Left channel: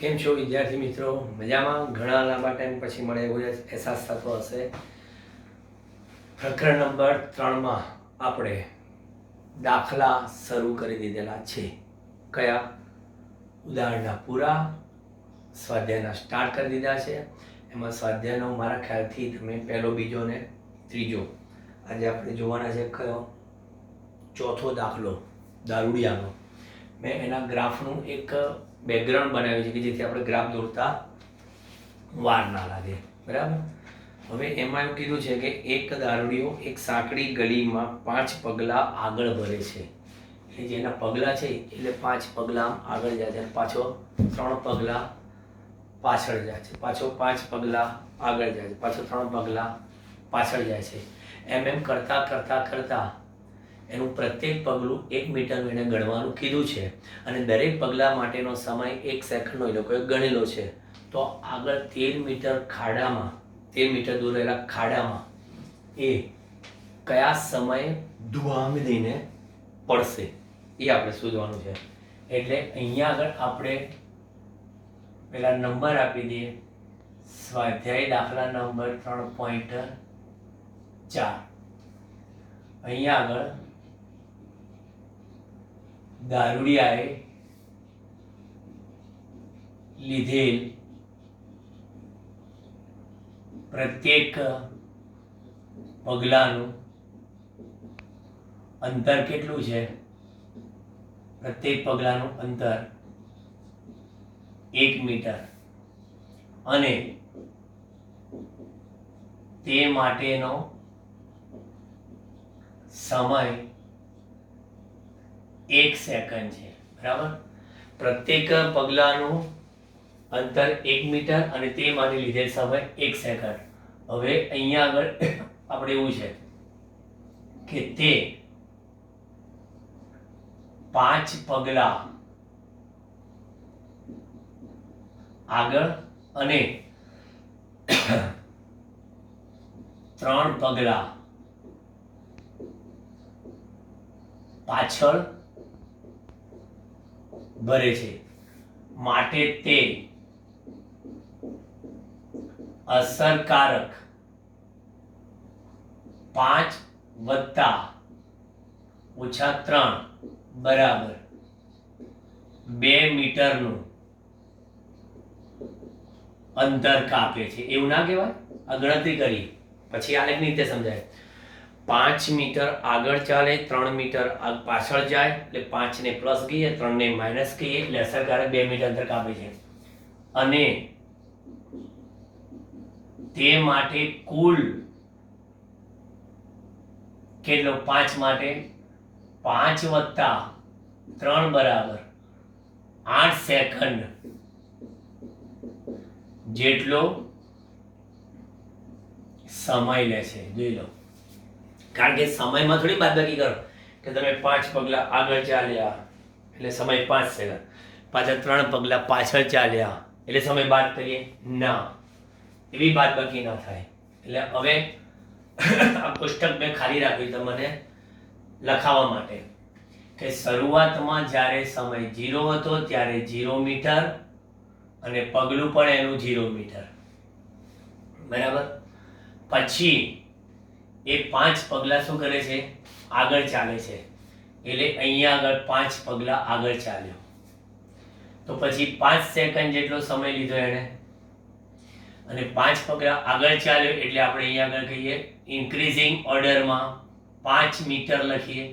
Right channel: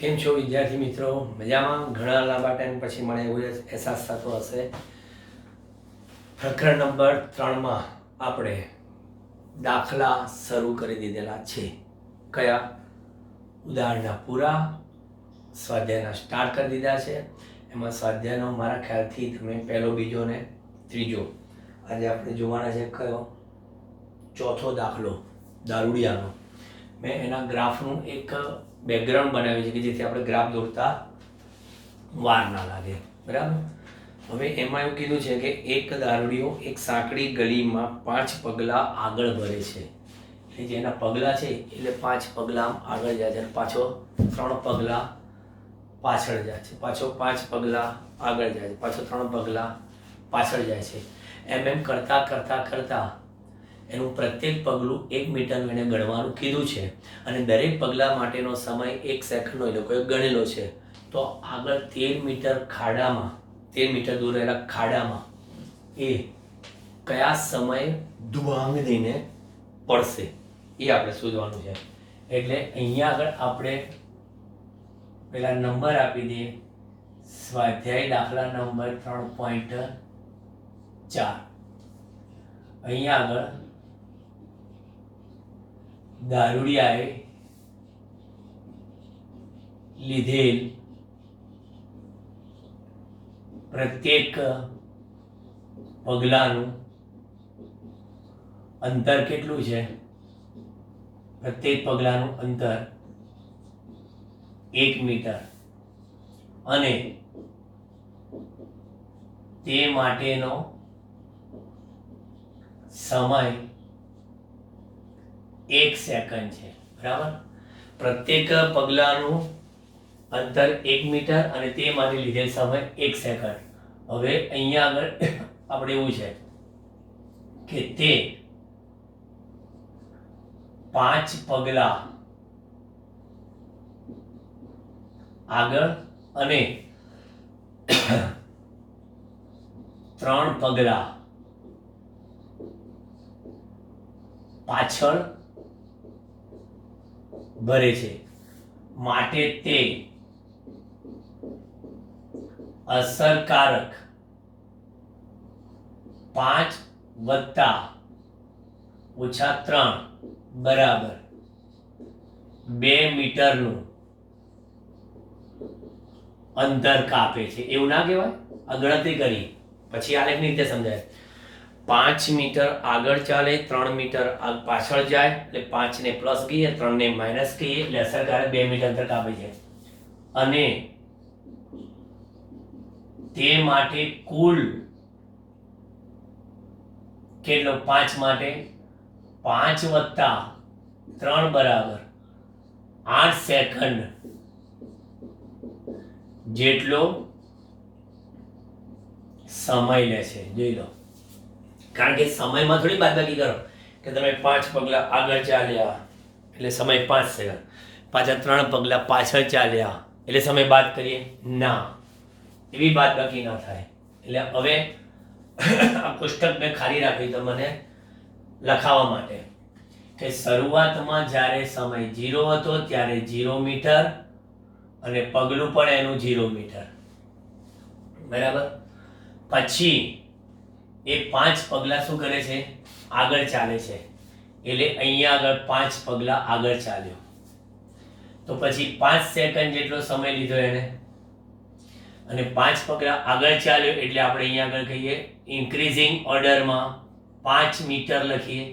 કેમ છો વિદ્યાર્થી મિત્રો? મજામાં? ઘણા લાંબા ટાઈમ પછી મને એવું અહેસાસ થતો હશે. પ્રકરણ નંબર 3માં આપણે દાખલા શરૂ કરી દીધેલા છે. કયા? ઉદાહરણના પૂરા, સ્વાધ્યાયના સ્ટાર્ટ કરી દીધા છે. એમાં સ્વાધ્યાયનો મારા ખ્યાલથી તમે પહેલો, બીજો ને ત્રીજો આજે આપણે જોવાના છે. કયો? ચોથો દાખલો દારૂડિયાનો. મેં એના ગ્રાફનું એક બેકગ્રાઉન્ડ બનાવ્યું છે કે જેથી આપણે ગ્રાફ દોરતા વાર ના લાગે. બરાબર. હવે એમાં એવું કીધું છે કે એક દારૂડિયો એક સાંકડી ગલીમાં 5 પગલાં આગળ ભરે છે. એટલે જેના પગલાં છે એટલે 5 પગલાં આગળ જાય છે અને પાછો 3 પગલાં પાછળ જાય છે. પાછો 5 પગલાં આગળ જાય છે, પાછો 3 પગલાં પાછળ જાય છે. એમ કરતાં એનું પ્રત્યેક પગલું 1 મીટરનું એને ગણવાનું કીધું છે અને દરેક પગલા માટેનો સમય 1 સેકન્ડનો એ લોકોએ ગણેલો છે. તો આગળ 13 મીટર ખાડામાં, 13 મીટર દૂર રહેલા ખાડામાં એ કયા સમયે ધુઆંગ દઈને પડશે એ આપણે શોધવાનું છે. એટલે અહીંયા આગળ આપણે પેલા નંબર આપી દઈએ. સ્વાધ્યાય દાખલા નંબર 3.4. અહીંયા આગળ દારૂડિયાએ લીધેલ પ્રત્યેક પગલાનું અંતર કેટલું છે? પ્રત્યેક પગલાનું અંતર 1 મીટર અને તે માટેનો સમય 1 સેકન્ડ છે. બરાબર. પ્રત્યેક પગલાનું અંતર 1 મીટર અને તે માટે લીધેલ સમય 1 સેકન્ડ. હવે અહીંયા આગળ આપણે એવું છે કે તે 5 પગલા આગળ અને 3 પગલા પાછળ ભરે છે. માટે તે અસરકારક 5 વત્તા ઓછા 3 બરાબર 2 મીટરનું અંતર કાપે છે. એવું ના કહેવાય? આ ગણતરી કરી પછી આલેખની રીતે સમજાય. 5 મીટર આગળ ચાલે, 3 મીટર પાછળ જાય એટલે 5 ને પ્લસ કહીએ, 3 ને માઇનસ કહીએ એટલે અસરકારક 2 મીટર અંતર કાપે છે. અને તે માટે કુલ કેટલો? 5 માટે 5 વત્તા 3 બરાબર 8 સેકન્ડ જેટલો સમય લે છે. જોઈ લો. કારણ કે સમયમાં થોડી બાદબાકી કરો કે તમે 5 પગલા આગળ ચાલ્યા એટલે સમય 5 સેકન્ડ, પાછા 3 પગલા પાછળ ચાલ્યા એટલે સમય બાદ કરીએ ના, એવી બાદબાકી ના થાય. એટલે હવે આ પુસ્તક મેં ખાલી રાખ્યું તમને લખાવવા માટે કે શરૂઆતમાં જ્યારે સમય 0 હતો ત્યારે 0 મીટર અને પગલું પણ એનું 0 મીટર. બરાબર. પછી એ 5 પગલા શું કરે છે? આગળ ચાલે છે. એટલે અહીંયા આગળ 5 પગલા આગળ ચાલ્યો તો પછી 5 સેકન્ડ જેટલો સમય લીધો એને અને 5 પગલા આગળ ચાલ્યો એટલે આપણે અહીંયા આગળ કહીએ ઇન્ક્રીઝિંગ ઓર્ડરમાં 5 મીટર લખીએ.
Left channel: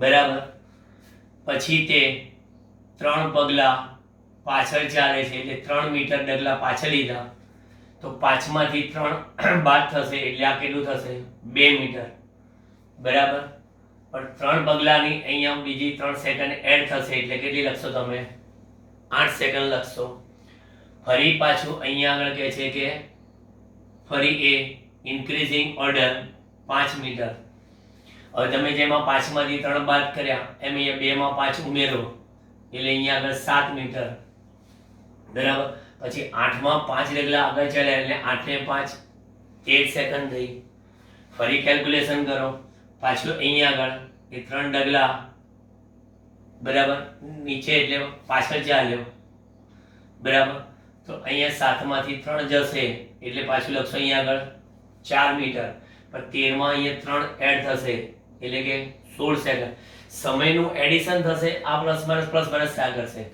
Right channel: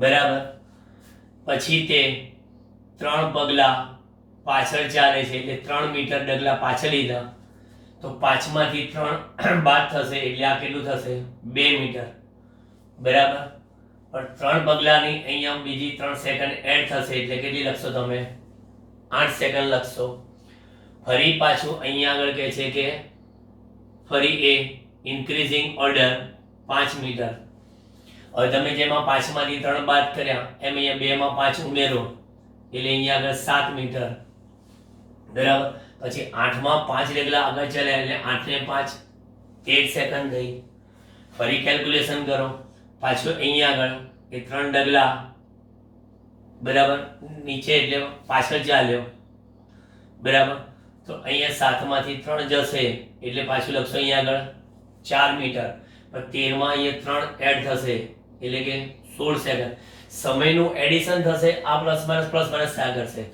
બરાબર. પછી તે 3 પગલા પાછળ ચાલે છે એટલે 3 મીટર ડગલા પાછળ લીધા તો 5 માંથી 3 બાદ થશે એટલે આ કેટલું થશે? 2 મીટર. બરાબર. પણ 3 પગલાની અહીંયા બીજી 3 સેકન્ડ એડ થશે એટલે કેટલી લખશો તમે? 8 સેકન્ડ લખશો. ફરી પાછું અહીંયા આગળ કહે છે કે ફરી એ ઇન્ક્રીઝિંગ ઓર્ડર 5 મીટર. હવે તમે જેમાં 5 માંથી 3 બાદ કર્યા એમ અહીંયા 2 માં 5 ઉમેરો એટલે અહીંયા આગળ 7 મીટર. બરાબર. પછી 8 માં 5 ડગલા આગળ ચાલ્યા એટલે 8 ને 5 8 સેકન્ડ થઈ. ફરી કેલ્ક્યુલેશન કરો. પાછું અહીંયા આગળ એ 3 ડગલા બરાબર, નીચે એટલે પાછળ ચાલ્યો, બરાબર. તો અહીંયા 7 માંથી 3 જશે એટલે પાછું લખશો અહીંયા આગળ 4 મીટર, પણ 13 માં અહીંયા 3 એડ થશે એટલે કે 16 સેકન્ડ. સમયનું એડિશન થશે, આ પ્લસ માઇનસ થયા કરશે.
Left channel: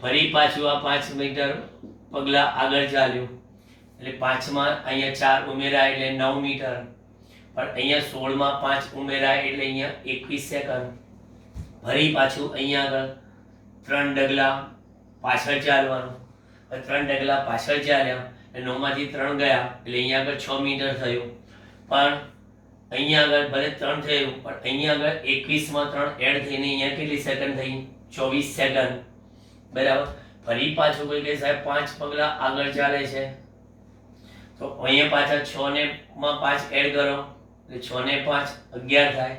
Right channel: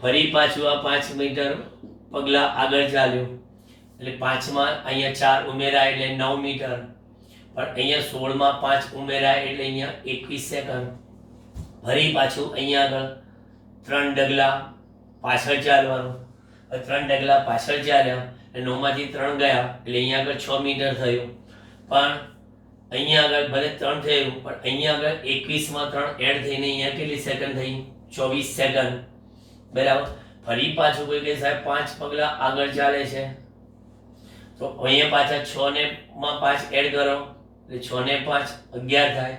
ફરી પાછું આ 5 મીટર પગલા આગળ ચાલ્યું એટલે 5 માં અહીંયા 4 ઉમેરાય એટલે 9 મીટર, પણ અહીંયા 16 માં 5 ઉમેરાય એટલે અહીંયા 21 સેકન્ડ. ફરી પાછું અહીંયા આગળ 3 ડગલા પાછળ ચાલવાનું, 3 ડગલા પાછળ ચાલ્યા એટલે 9 માંથી 3 ગયા એટલે અહીંયા આગળ 6 મીટર થયું, પણ અહીંયા આગળ ભલે 3 થયું પણ અહીંયા આગળ 21 માં 3 એડ થઈને અહીંયા કેટલી સેકન્ડ થઈ? 24 સેકન્ડ, બરાબર. ફરી પાછું કોઈ કે સાહેબ 5 પગલા આગળ ચાલે છે, તો અહીંયા પાછા 6 ને માં 5 એડ કરો એટલે 6 ને 5 11 થાય,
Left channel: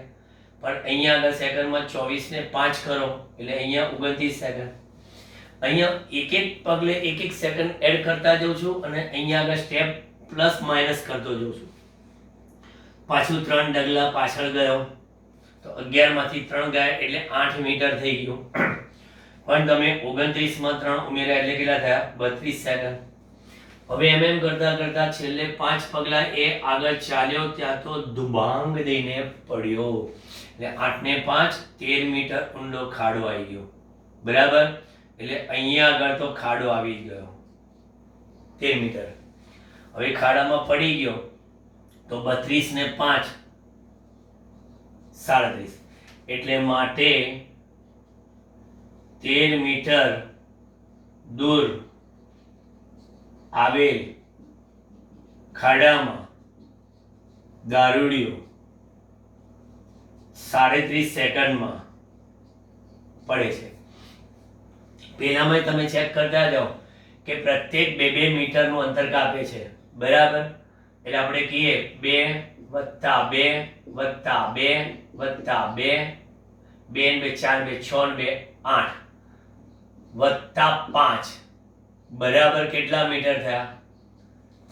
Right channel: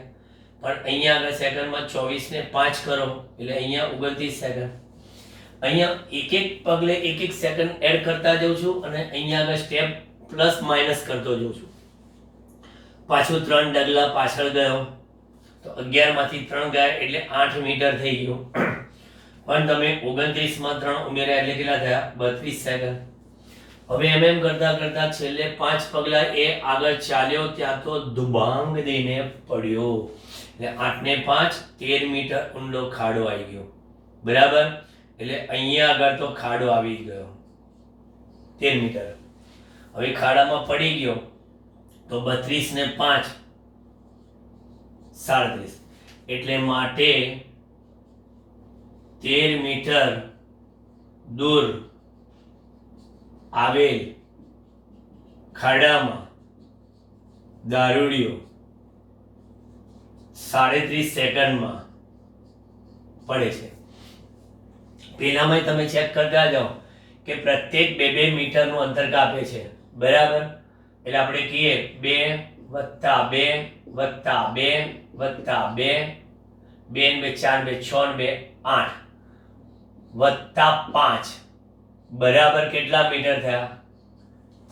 પણ અહીંયા આગળ સેકન્ડમાં 24 ને 5 કરો એટલે અહીંયા 29 સેકન્ડ. અહીંયા એક એક પગલે એક એક સેકન્ડ એડ કરતા જઉં છું અને અહીંયા આગળ સ્ટેપ પ્લસ માઇનસ કરતો જઉં છું. પાછું 3 ડગલા પાછળ ગયો તો 11 માંથી 3 ગયા એટલે 8 મીટર થઈ ગયું, પણ તમે 29 માં 3 ઉમેર્યા એટલે કેટલા થયા? 32 સેકન્ડ. હવે એમ કરતા કરતા છેલ્લે 5 પગલા એ આગળ ચાલ્યો ત્યાં તો દુબાંગ દઈને પડ્યો એટલે 8 ને 5 13 મીટર ઊંડો ખાડો આવી ગયો, બરાબર. એટલે અહીંયા આગળ તો ખાડો આવી ગયો 13 મીટર. હવે ખાડામાં પડી ગયો તો 32 ને 5 37 એટલે માટે 13 મીટર દૂર આવેલ ખાડામાં દારૂડિયો 37 સેકન્ડમાં પડે છે. પેલામાં તમે ચેક કરતા જાઓ કે પ્રત્યેક 2-2 મીટરનું અંતર કાપે છે, બરાબર. એટલે આપણે કહીએ 2 + 2 + 2 + 2 2 ને 4 2 6 ને 2 8 + 5 બરાબર કેટલા મીટર થયા?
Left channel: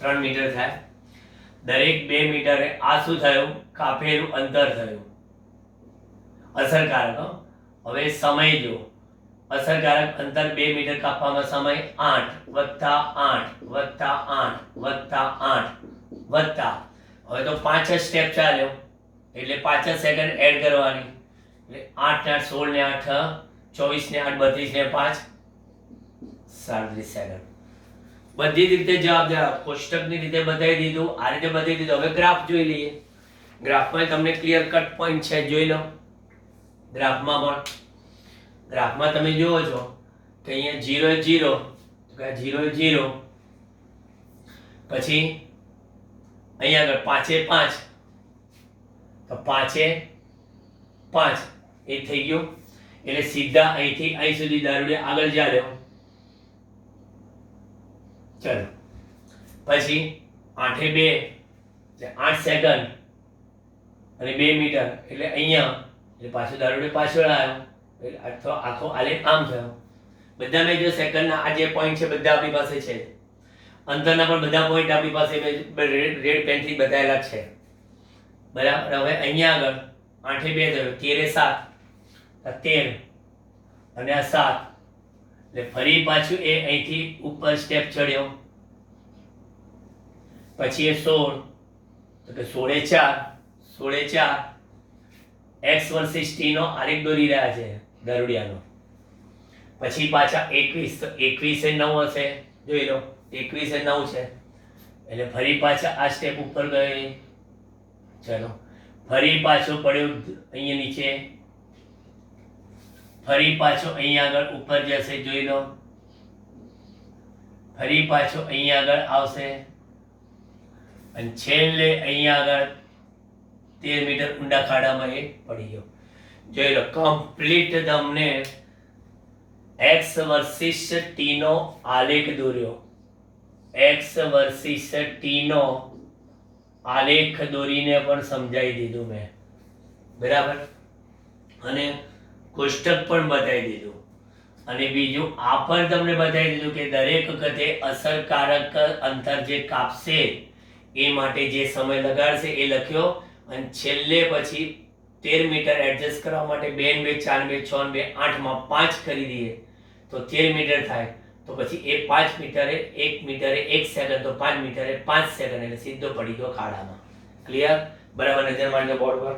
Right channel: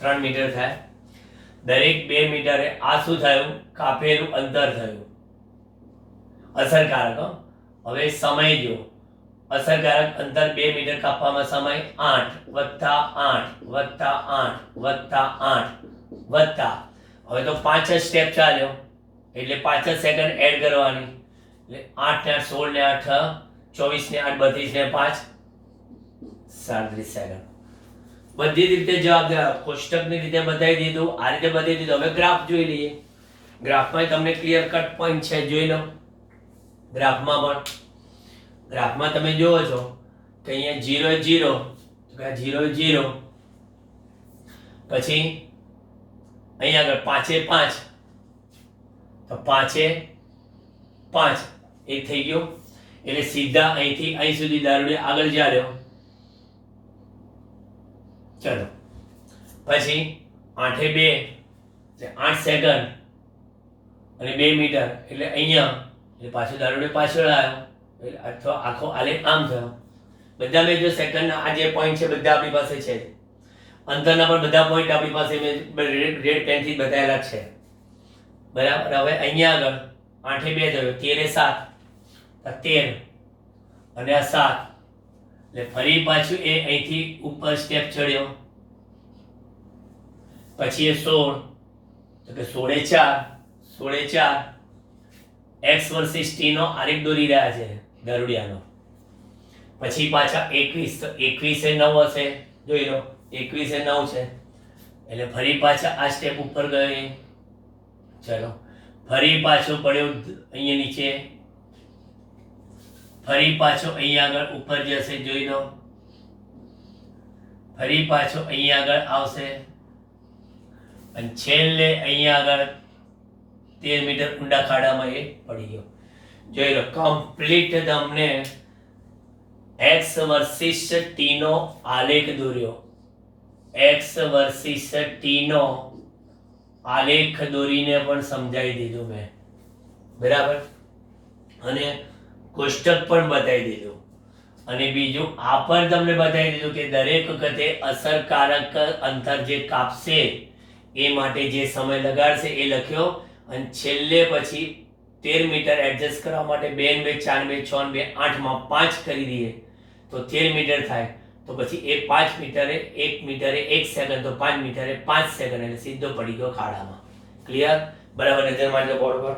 3 મીટર થયા. દરેક 2 મીટરે આ શું થયું? કાપેલું અંતર થયું. અસરકારક. હવે સમય જો, અસરકારક અંતર 2 મીટર કાપવામાં સમય 8 + 8 + 8 + 8 હવે તો 5 જ સ્ટેપ ચાલ્યો એટલે 5 જ સેકન્ડ એડ કરવાની એટલે 8 ને 16 ને 8 24 ને 8 32 ને 5 37 સેકન્ડ. બધી રીતે જવાબ કોષ્ટકની રીતે બતાવી દીધું, આ રીતે બતાવી દીધું. હવે ગ્રાફ જોઈ લઈએ. ગ્રાફમાં તમને ક્લિયર કટ પોઈન્ટ છે, જોઈ લો. ગ્રાફમાં તમે જુઓ છો કે અહીંયા 0 0 0 0 પછી અહીંયા આગળ 5 5 તો 5 5 એ થઈ ગયું એટલે સીધા અહીંથી અહીં સુધી દારૂડિયો આગળ ચાલ્યો. ચલો પછી 8 2 એટલે 8 સેકન્ડ અને 2 મીટર એટલે અહીંયા એટલે પાછું દારૂડિયો પાછળ આવ્યો એટલે અથવા આખો આલેખ આમ થયો. બધા મેં જો સેકન્ડના આ જે પોઈન્ટ છે બધા આપણી પાસે છે, અંતરના પણ બધા પોઈન્ટ આપણી પાસે મેં રેડ પેનથી બતાવેલા છે, બરાબર. હવે અહીંયા આગળ 8 2 થયો, 13 7 13 અને આ 7 એટલે ફરી પાછું એ અહીંથી ઉપર સ્ટેપ ચડ્યો, પછી એ 16 તો કે 16 4 x વર્સિસ t નો આલેખ દોરી રહ્યા છે દારૂડિયાનો. પછી પાછા 21 તો 21 એ 9 હશે, જોઈ લો 21 એ 9 છે એટલે ફરી પાછા આ સ્ટેપ ઉપર ગયો. ચલો ફરી પાછો પડ્યો અહીંયા નીચે, ફરી પાછો અહીંયા આગળ ઉપર જશે, જોઈ લો. ફરી પાછો અહીંયા આગળ આવશે અને છેલ્લે અહીંયા આગળ 13 મીટર ઊંડા ખાડામાં એ પડી ગયો. જોઈ લો કમ્પ્લીટ તમને x વર્સિસ t નો આલેખ દોર્યો, x વર્સિસ t નો આલેખ દોરીને પણ સમજાવી દીધું મેં, બરાબર. અને કોષ્ટક પણ બતાવી દીધું અને બીજું આ પણ તમને બતાવી દીધું કે દરેક વખતે અસરકારક અંતર જે કાપશે એ માટે જે સમય લગાડશે એ લખ્યો અને છેલ્લે પછી 13 મીટર એડજસ્ટ કરવા માટે 2 ને 2 4 ને 2 6 ને 2 8 માં 5 કરી દઈએ તો 13 મીટર થાય. તો પછી એ 5 મીટરે 1 મીટરે 1 સેકન્ડ તો 5 મીટરે 5 સેકન્ડ એટલે સીધો પડી ગયો ખાડામાં. ક્લિયર? બરાબર નજર મારી બોર્ડ પર.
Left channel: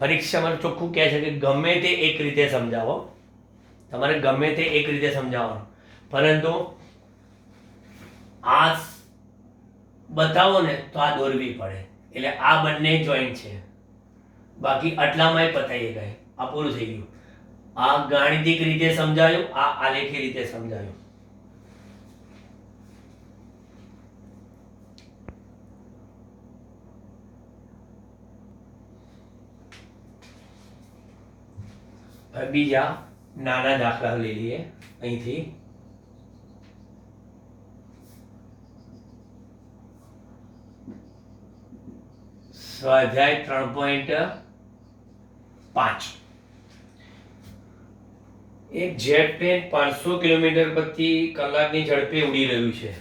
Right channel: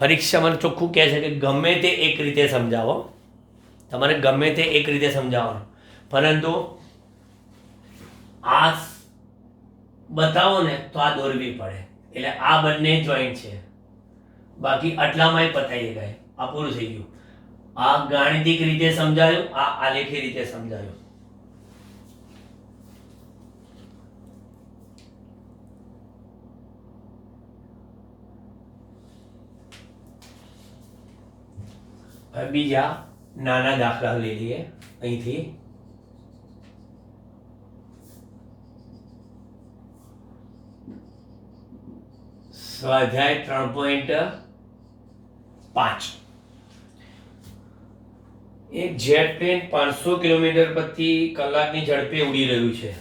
પરીક્ષામાં ચોખ્ખું કહે છે કે ગમે તે એક રીતે સમજાવો, તમારે ગમે તે એક રીતે સમજાવવાનું, પરંતુ આ બતાવો ને તો આ દોરવી પડે, એટલે આ બંને જોઈન્ટ છે. બાકી આટલામાંય પતાઈ ગઈ, આ પૂરું થઈ ગયું. આ ગાણિતિક રીતે સમજાયું, આ આલેખી રીતે સમજાયું. હવે બીજા નાના દાખલા લઈ લઈએ અહીંથી. સ્વાધ્યાય 3.5. એક જેટ પ્લેન 500 કિલોમીટર પ્રતિ કલાકની ઝડપે ઉડી રહ્યું છે.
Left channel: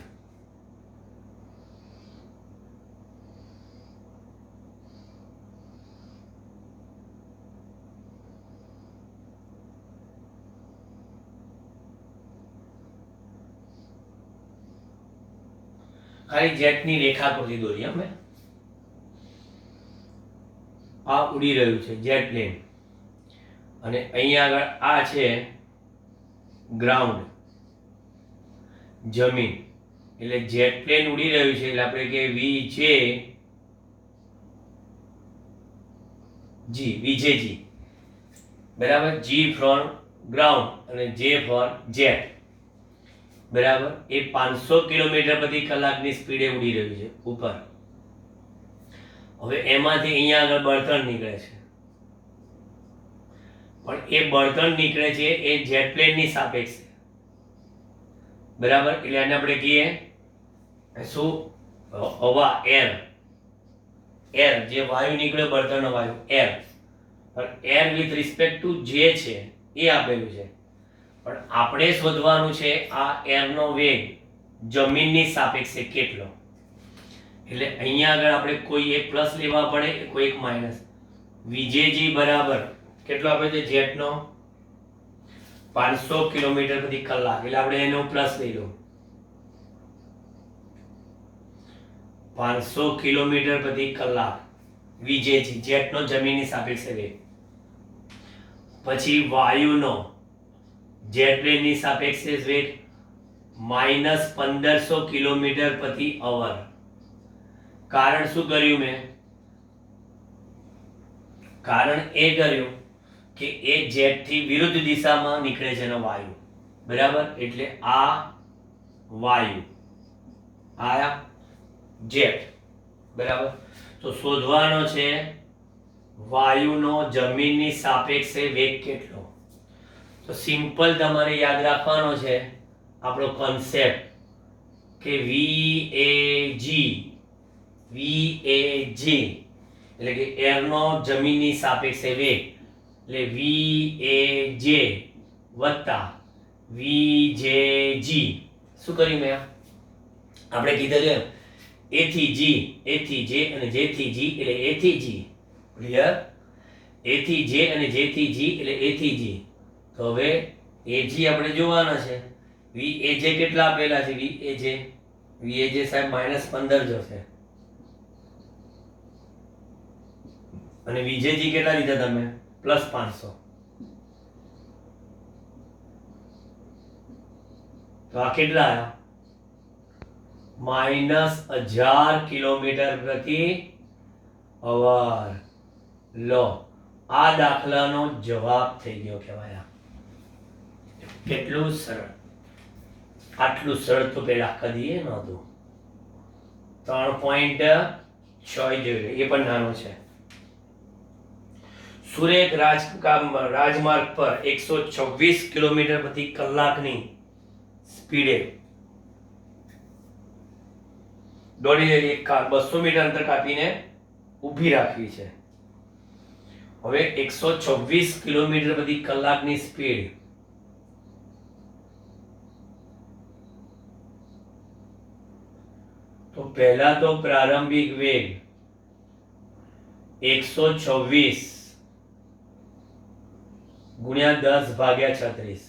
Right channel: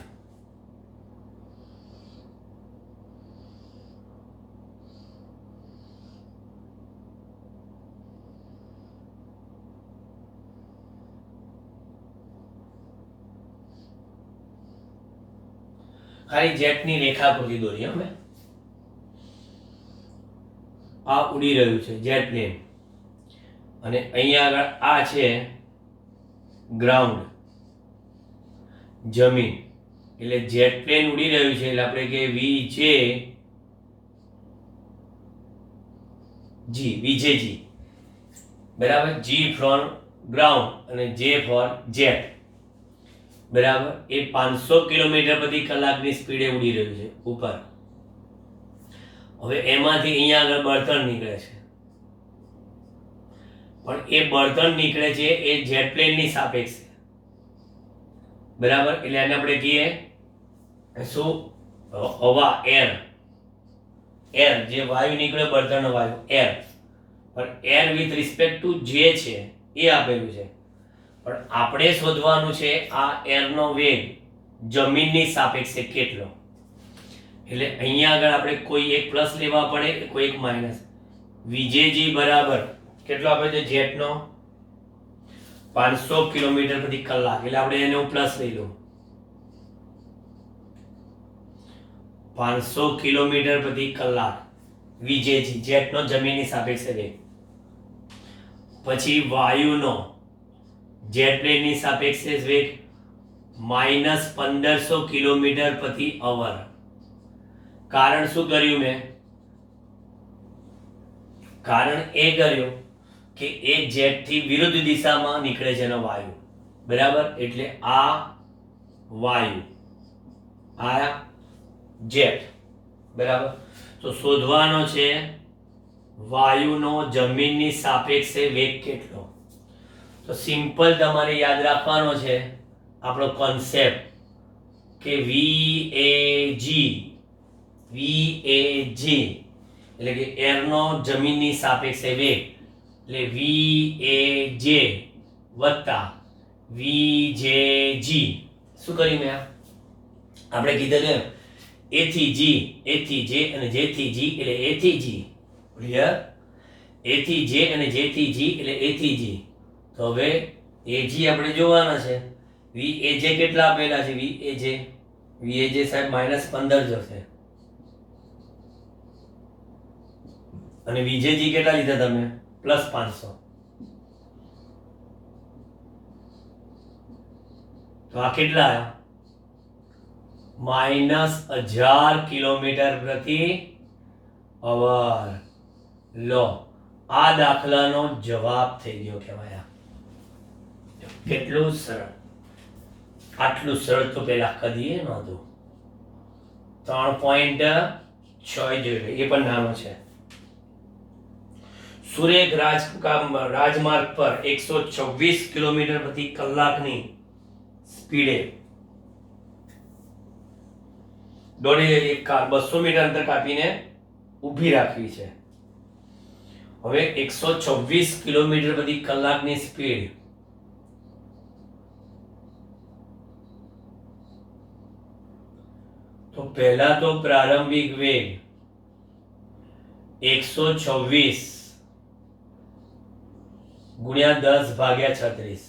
ખાલી જેટની રેખાકૃતિ દોરી અમે. આ ઉડી રહ્યું છે જેટ પ્લેન, અને અહીંયા આગળ આ છે ગ્રાઉન્ડ, જમીન. એટલે જેટ પ્લેન ઉડી રહ્યું છે એટલે આપણે કે વીજેજી, બરાબર. જી ફોર ગ્રાઉન્ડ અને જે ફોર જેટ, બરાબર. એ 500 કિલોમીટર પ્રતિ કલાકની સ્પીડે ઉડી રહ્યું છે ઉપર. હવે એમાંથી અહીંયા આગળ બળતણ નીકળે છે, પણ એ બળતણ નીકળે છે એ જેટ પ્લેનની સાપેક્ષે, બરાબર. એટલે આને આપણે કહીએ શું? હવા, એર. જે વાયુ નીકળે, બળતણનો વાયુ, એર. પણ એર વિથ રિસ્પેક્ટ ટુ જે છે એ આપેલું છે, પણ આપણે શોધવાનું છે આ એરનો વેગ જમીનની સાપેક્ષે કેટલો. એટલે અહીંયા આગળ આપણે કોઈ એક પ્લસ લેવા પડે, કોઈ એક માઇનસ. વીજેજી બરાબર કેટલો આપે છે જેટનો? 500 કિલોમીટર પ્રતિ કલાક, એટલે આપણે એનો પ્લસ લઈ લો. 500 કિલોમીટર પ્રતિ કલાક વીજેજી, જેટનો જમીનની સાપેક્ષે વેગ. પછી વાયુનો જેટ પ્લેનની સાપેક્ષે વેગ -1500 કિલોમીટર પ્રતિ અવર. કારણ શું કર્યું મેં? કારણ એ કર્યું કે એ જેટ થી વિરુદ્ધ દિશામાં નીકળે છે એનો વાયુ, બરાબર. એટલે આ વાયુ, આ જેટ, બરાબર. તો શોધવાનો છે વાયુનો જમીનની સાપેક્ષે વેગ કેટલો. તો સિમ્પલ તમારે યાદ રાખવાનો છે આપણો કોન્સેપ્ટ કે VAG એટલે કે એરનો જમીનની સાપેક્ષે વેગ, એટલે VAJ વત્તા VJG. શું કર્યું મેં? આપણે કીધું એમ A થી G, A થી J અને J થી G એટલે A થી G. ક્લિયર? A થી J અને J થી G એટલે A થી G. તો હવે AG આપણે જોવાના છે. VAJ કેટલા આપેલા છે? VAJ સાહેબ -15 જશે. અને VJG કેટલા લીધા તમે? +500. તો આ કેટલા આવ્યા? -1000 કિલોમીટર પ્રતિ અવર. લો, આ દાખલાનો જવાબ થઈ ગયો કહેવાય. કેટલું સરળ! આટલું સરળ તો પેલા કદીએ નહોતું. 3.6 જોઈએ, એ પણ નાનો છે. સુરેખ રાજમાર્ગ પર 126 કિલોમીટર પ્રતિ કલાકની સ્પીડે દોડી રહેલી એક કાર 200 મીટર અંતર કાપીને ઊભી રાખવી છે. હવે 126 કિલોમીટર પ્રતિ કલાકની સ્પીડ, પહેલા તો પ્રારંભિક વેગ 126 ગુણ્યા 10 ભાગ્યા 36.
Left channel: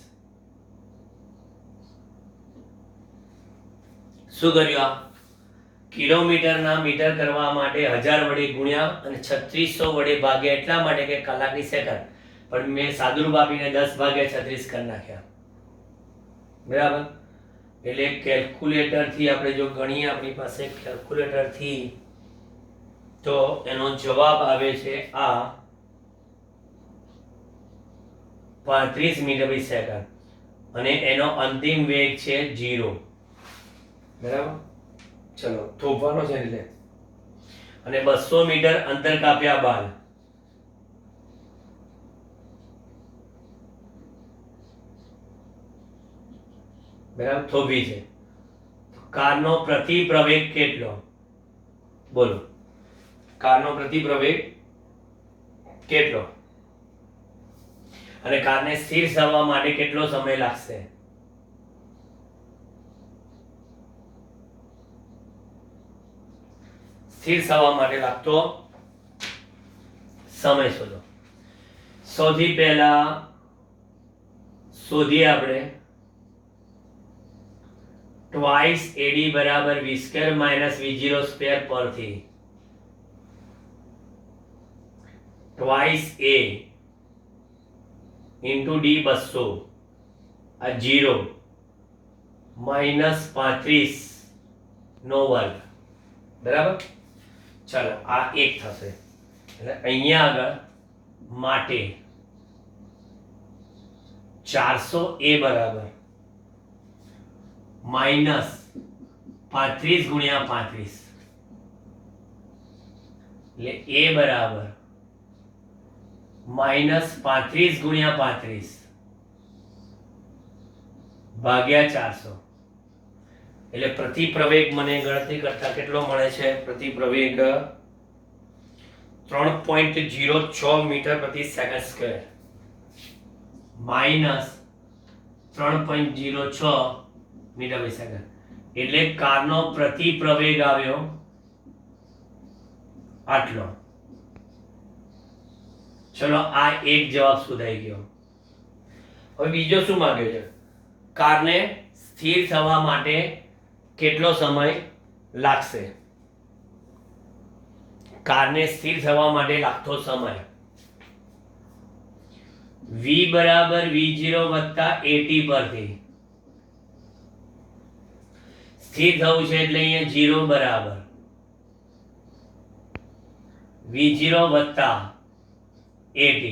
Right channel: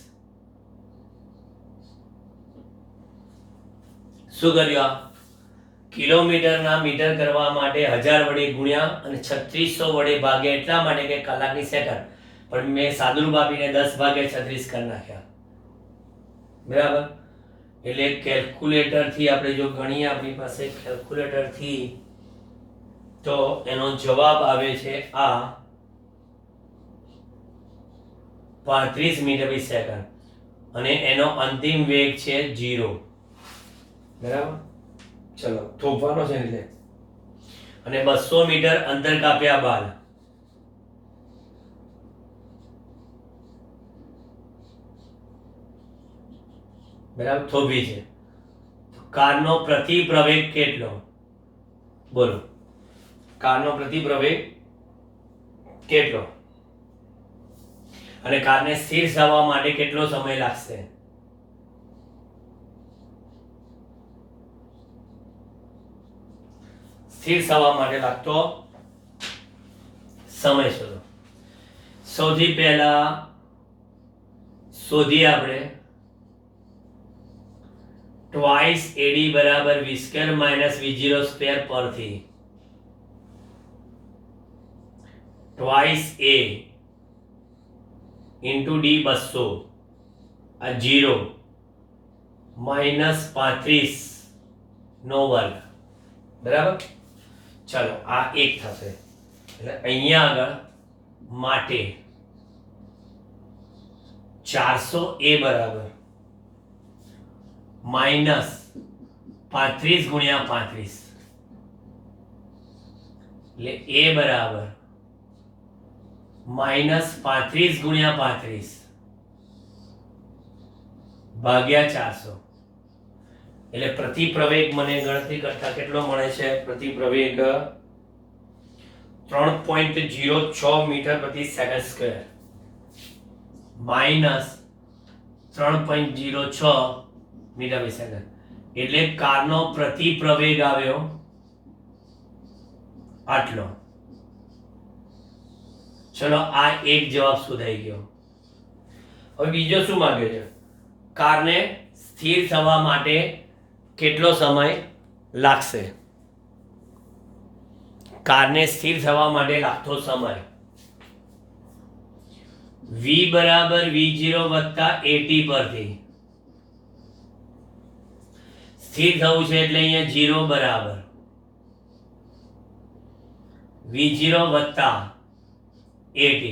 શું કર્યું? આ કિલોમીટરના મીટર કરવા માટે 1000 વડે ગુણ્યા અને 3600 વડે ભાગ્યા, એટલા માટે કે કલાકની સેકન્ડ, પણ મેં સાદુરૂપ આપીને 10 ભાગ્યા 36 કરી નાખ્યા. બરાબર? એટલે કેલ્ક્યુલેટરથી આપણે જો ગણીએ, આપણી પાસે કેલ્ક્યુલેટરથી, તો એનો જવાબ આવે છે આ 35 મીટર પ્રતિ સેકન્ડ, અને એનો અંતિમ વેગ છે 0. બરાબર? ચલો, થોભવાનો છે એટલે. અને 200 મીટર અંતર કાપ્યા બાદ બરાબર થોભી છે, તો કારનો પ્રતિ પ્રવેગ કેટલો? બોલો, કારનો પ્રતિ પ્રવેગ કેટલો? અને કારને સ્થિર થવા માટે કેટલો સમય લાગશે? સ્થિર થવા માટે લાગતો સમય શોધો. સૌથી પહેલા શોધીએ આપણે ટ્વાઇસ એડી બરાબર v square minus v0 square પરથી. ટ્વાઇસ a ઇન્ટુ ડી 200 આ 0 માઇનસ 35 નો વર્ગ. બરાબર? ચાલો, આ 1 થશે. એટલે અહીંયા આગળ માટે 400 a બરાબર માઇનસ 35 ગુણ્યા 35, એટલે a બરાબર માઇનસ 35 ગુણ્યા 35 ભાગ્યા 400. એટલે પ્રતિ પ્રવેગ મને ગણતરી કરતા કેટલો મળે છે? પ્રતિ પ્રવેગ 3.06 મીટર પ્રતિ સેકન્ડ સ્ક્વેર માઇનસ 3.06 મીટર પ્રતિ સેકન્ડ. એટલે કારનો પ્રતિ પ્રવેગ આવ્યો આટલો. ચલો, આ એક જવાબ શોધાઈ ગયો. હવે બીજો શું માંગ્યો છે? કારને સ્થિર થવા માટે કેટલો સમય લાગશે? કારને સ્થિર થવા માટે લાગતો સમય v બરાબર v0 વત્તા at પરથી સ્થિર થવું છે, એટલે અહીંયા 0 બરાબર v0 વત્તા at.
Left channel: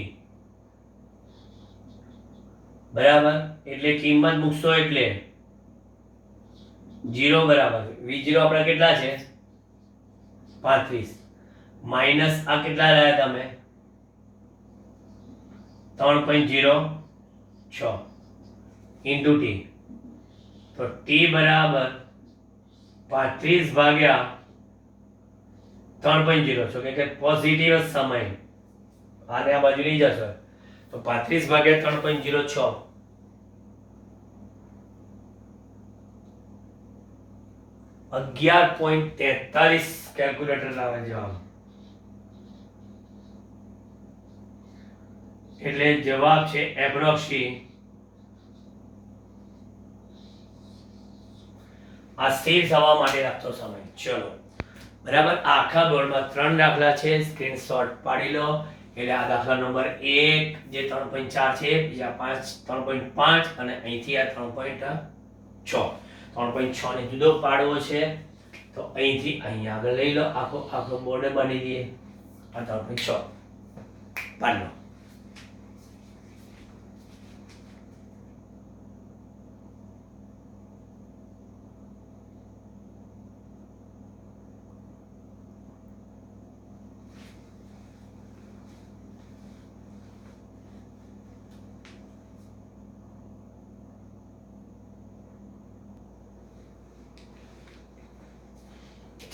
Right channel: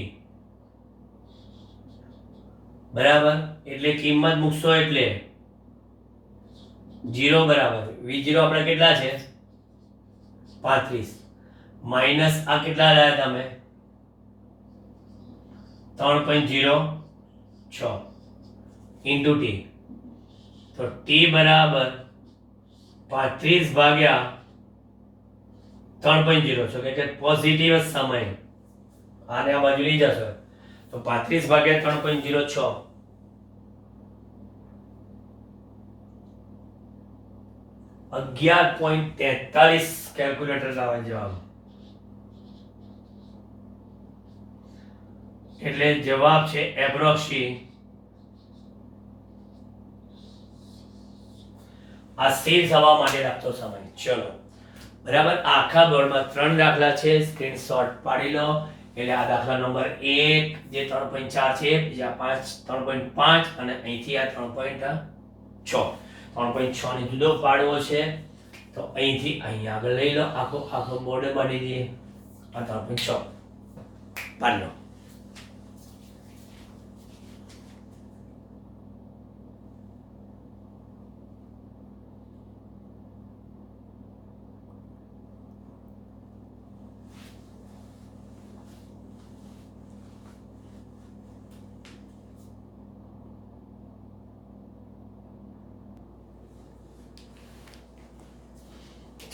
બરાબર? એટલે કિંમત મૂકશો એટલે 0 બરાબર v0 આપણે કેટલા છે? 35 માઇનસ આ કેટલા રહ્યા તમે? 3.06 ઇન્ટુ t. તો t બરાબર 35 ભાગ્યા 3.06, કે પોઝિટિવ સમય આને આ બાજુ લઈ જશો તો 35 ભાગ્યા 3.06 11.43 કેલ્ક્યુલેટર આવે જવાબ. એટલે જવાબ છે એપ્રોક્સી આ સ્થિર થવા માટે લાગતો સમય. ચલો, બરાબર? આખા બોર્ડમાં 3 દાખલા છે, સ્ક્રીનશોટ પાડી લો. એટલે આ દાખલા નંબર 1 જે 3.4 છે, બીજા 3.5 અને અહીંથી આ 3.6. 3.6 ને જુદો પાડવો છે, તો અહીંથી અહીંયા આગળ લઈ લો. આખો બોર્ડ બની દઈએ. આ 3.6 પાડી લો.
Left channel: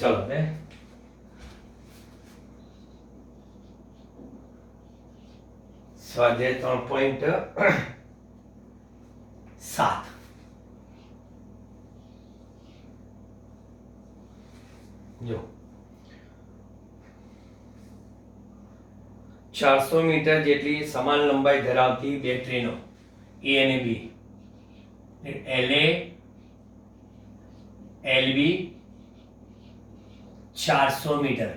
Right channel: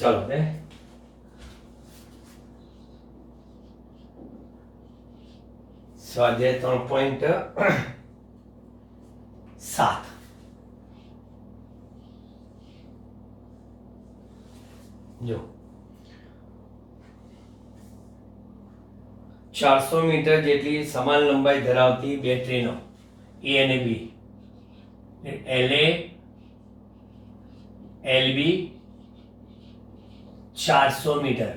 ચલો ને, સ્વાધ્યાય 3.7. જો 400 મીટર જેટલી સમાન લંબાઈ ધરાવતી બે ટ્રેનો એ અને B, LA LB 400 metre,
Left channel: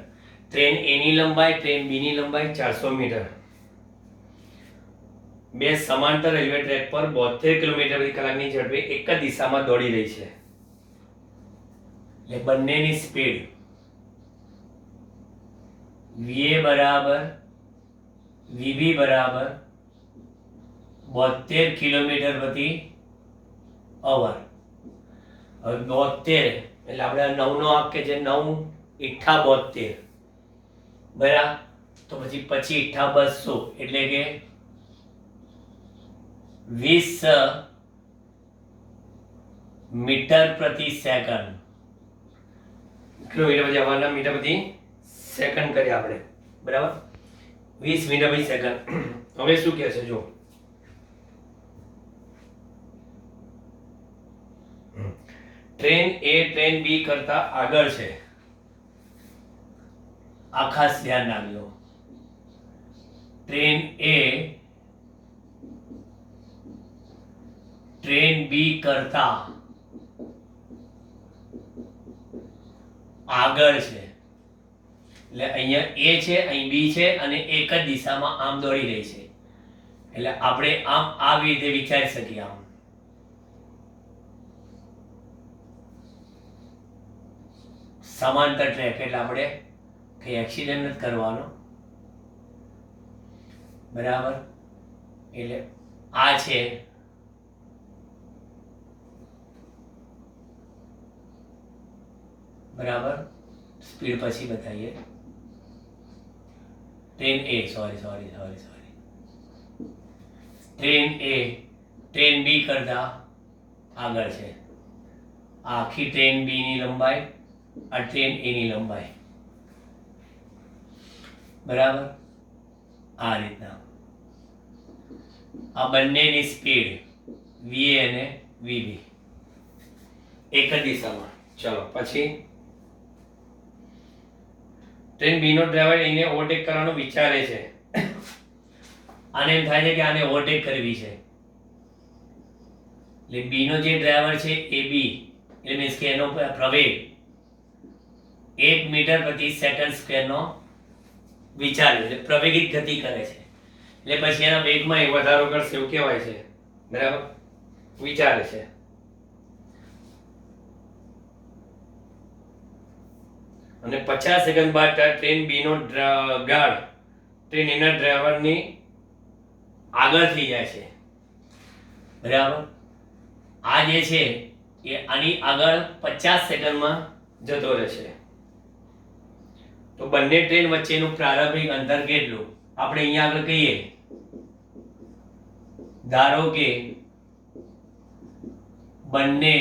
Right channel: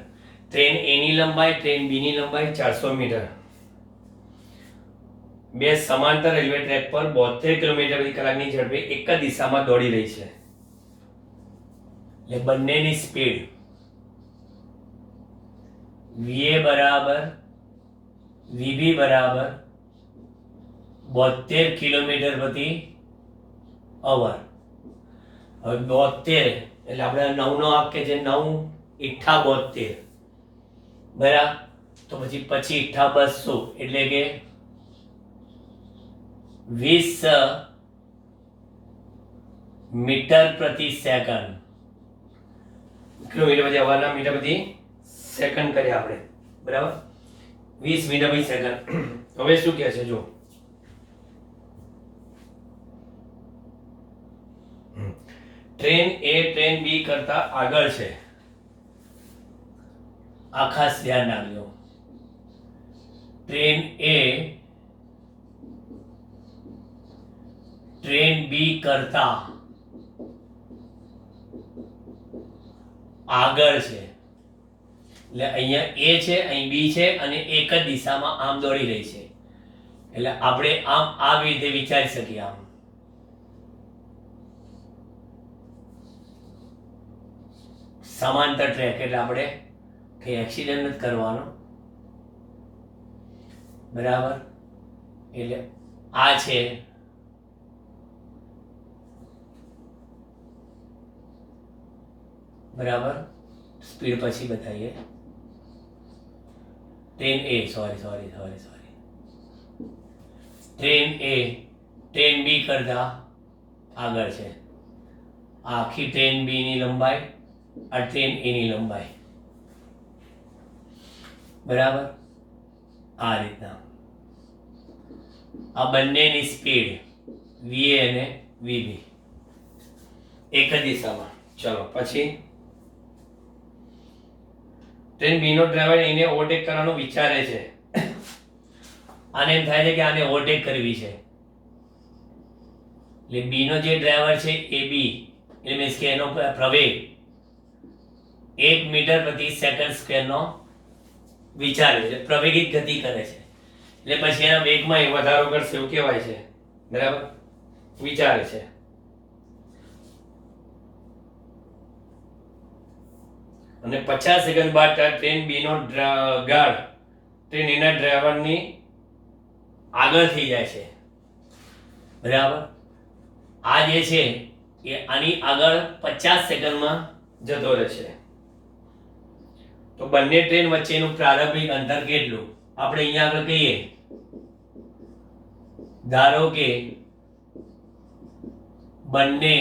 train A ની લંબાઈ ટ્રેન B ની લંબાઈ 400 મીટર, બે સમાંતર રેલવે ટ્રેક પર 72 કિલોમીટર પ્રતિ કલાકની ઝડપે એક જ દિશામાં દોડી રહી છે. એટલે બંનેની સ્પીડ VA બરાબર VB બરાબર 72 કિલોમીટર પ્રતિ અવર. હવે 72 એટલે આપણે 9 નો આંક કે જે 9 ઈઠ્ઠા 72 બરાબર, તો પછી 25 ઈઠ્ઠા 200 એટલે કે 20 મીટર પ્રતિ સેકન્ડ. કિલોમીટર પછી આવવાના મીટર પ્રતિ સેકન્ડ કરીએ આપણે, બરાબર, 20 મીટર પ્રતિ સેકન્ડ. હવે શું કહે છે જો, ટ્રેન A ટ્રેન B કરતા આગળ છે, આ ખાસ ધ્યાન રાખજો. ટ્રેન A ટ્રેન B કરતા આગળ છે. એટલે અહીંયા A છે, અહીં B છે અને એક જ દિશામાં આમ દોડી રહી છે. એટલે આપણે આમ આવી રીતે વિચારી શકીએ. આમ સમાંતર ટ્રેક એટલે આપણે કઈ એક્સિડન્ટ નથી કરવાનો, બરાબર. એટલે આ છે બરાબર, સ્પીડ પછી બતાવીએ. Train A sorry train A train B કરતા આગળ છે. આખી ટ્રેન B ની લંબાઈ, આ ટ્રેન A ની લંબાઈ, બરાબર. આ રીતના આ બંનેની સ્પીડ VA અને VB એક જ દિશામાં. ચલો પછી ટ્રેન B નો ડ્રાઈવર એને ઓવરટેક કરવાનું વિચારે છે. આને એમ થાય છે કે આને ઓવરટેક કરવી છે. એટલે B નો જે ડ્રાઈવર છે AB, એટલે મીન્સ કે એનો પ્રવેગ 1 મીટર પ્રતિ સેકન્ડ સ્ક્વેર નો વિચારે છે, પ્રવેગિત ગતિ કરે છે. એટલે પછી એના વેગમાં વધારો કરશે એવું કહેવાય છે, બરાબર, વિચારે છે. અને 50 સેકન્ડ બાદ ટ્રેન B નો ગાર્ડ ટ્રેન A ના ડ્રાઈવરની આગળ થઈ જાય છે, બરાબર. આ જે છે એ આની આગળ 50 સેકન્ડમાં જતો રહેશે. તો બંને ટ્રેન વચ્ચેનું પ્રારંભિક અંતર કેટલું આપણે અહીંયા આગળ કહીએ. ધારો કે બંને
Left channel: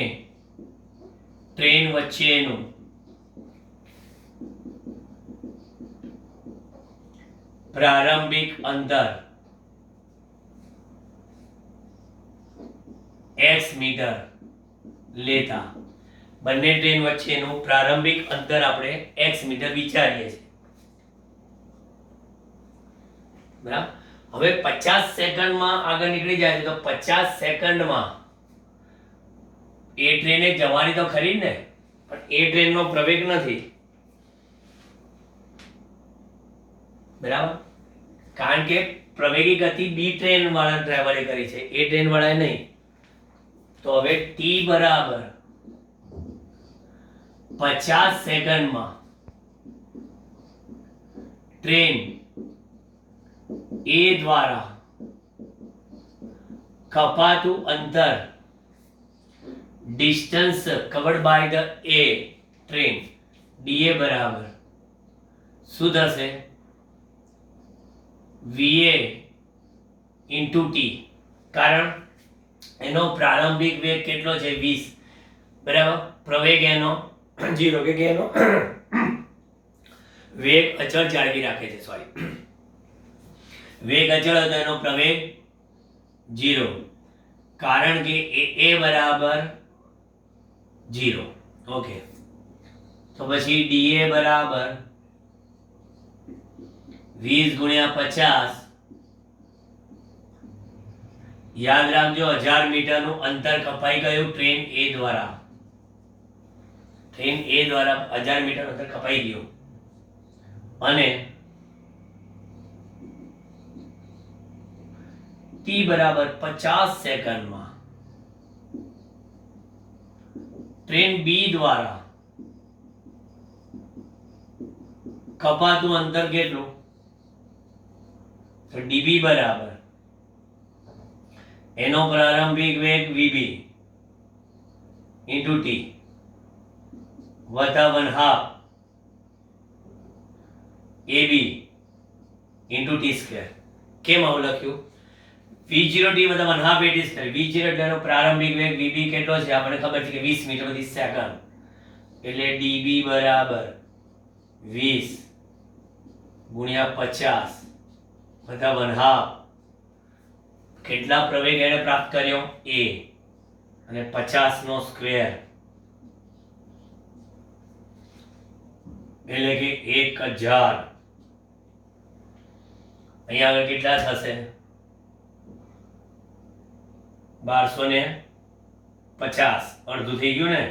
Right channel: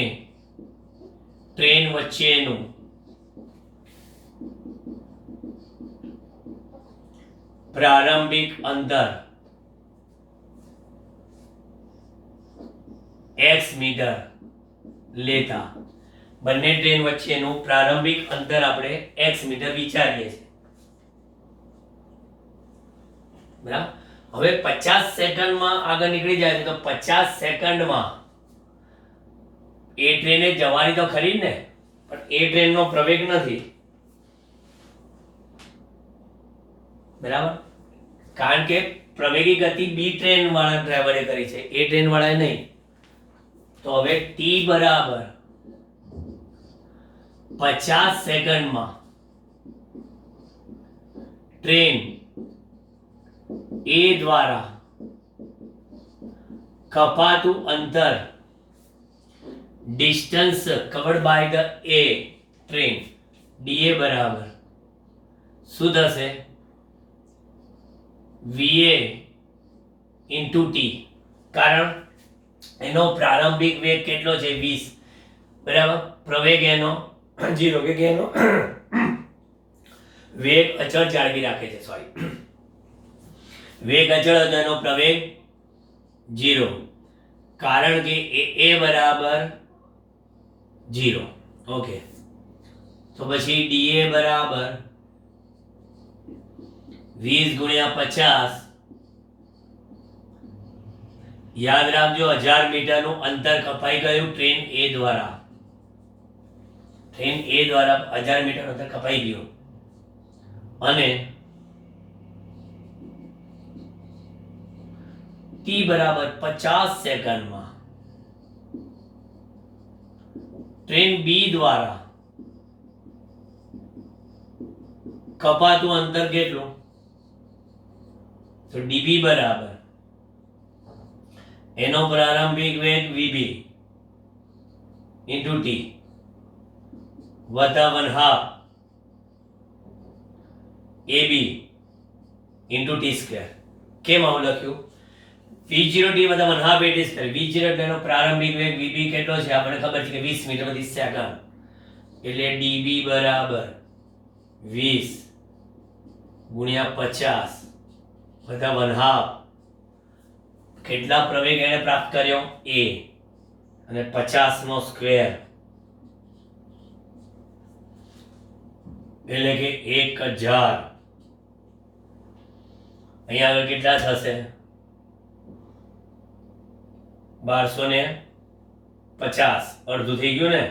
ટ્રેન વચ્ચેનું પ્રારંભિક અંતર x મીટર લેતા બંને ટ્રેન વચ્ચેનું પ્રારંભિક અંતર આપણે x મીટર વિચારીએ છીએ, બરાબર. હવે 50 સેકન્ડમાં આગળ નીકળી જાય છે, તો 50 સેકન્ડમાં એ ટ્રેને જવાની તો ખરી ને, પણ એ ટ્રેનનો પ્રવેગ નથી, બરાબર. કારણ કે પ્રવેગી ગતિ બી ટ્રેન વાળા ડ્રાઈવરે કરી છે, એ ટ્રેન વાળાએ નહીં. તો હવે t બરાબર 50 સેકન્ડમાં ટ્રેન A દ્વારા કપાતું અંતર, distance covered by the A train, DA બરાબર શું થશે? VA into T. કારણ એનો પ્રારંભિક વેગ કેટલો છે? 20, બરાબર. પ્રવેગ એનો 0, કે એનો વેગ અચળ જાળવી રાખે છે, સોરી, વેગ અચળ હતો એનો પ્રવેગ 0, કારણ કે A બરાબર 0. ઓકે, તો પછી ડીએ બરાબર 20 ગુણ્યા 50. યાદ રાખજો 1000 મીટરનું અંતર કપાઈ ગયું ટ્રેન એ દ્વારા. ટ્રેન એ દ્વારા 1000 મીટર અંતર કપાઈ ગયું અને ટી બરાબર 50 સેકન્ડમાં ટ્રેન બી દ્વારા કપાતું અંતર કેટલું? તો ડીબી બરાબર એનો પ્રારંભિક વેગ વીબી ઇન્ટુ ટી વત્તા 1/2 એબી ઇન્ટુ ટી સ્ક્વેર. કેમ આવું લખ્યું? v0 t વત્તા 1/2 at સ્ક્વેર. v0 એટલે એનો પ્રારંભિક વેગ vb કેટલો છે આપણને ખબર છે કે 20 મીટર પ્રતિ સેકન્ડ, એટલે db બરાબર 20 ગુણ્યા 50 વત્તા 1/2. કેટલા પ્રવેગ એને પ્રાપ્ત કર્યો? a અને 50 નો સ્ક્વેર એટલે કે 1000. અહીંયા આગળ કેટલા થશે? 1250. અડધું થઈ ગયું ને,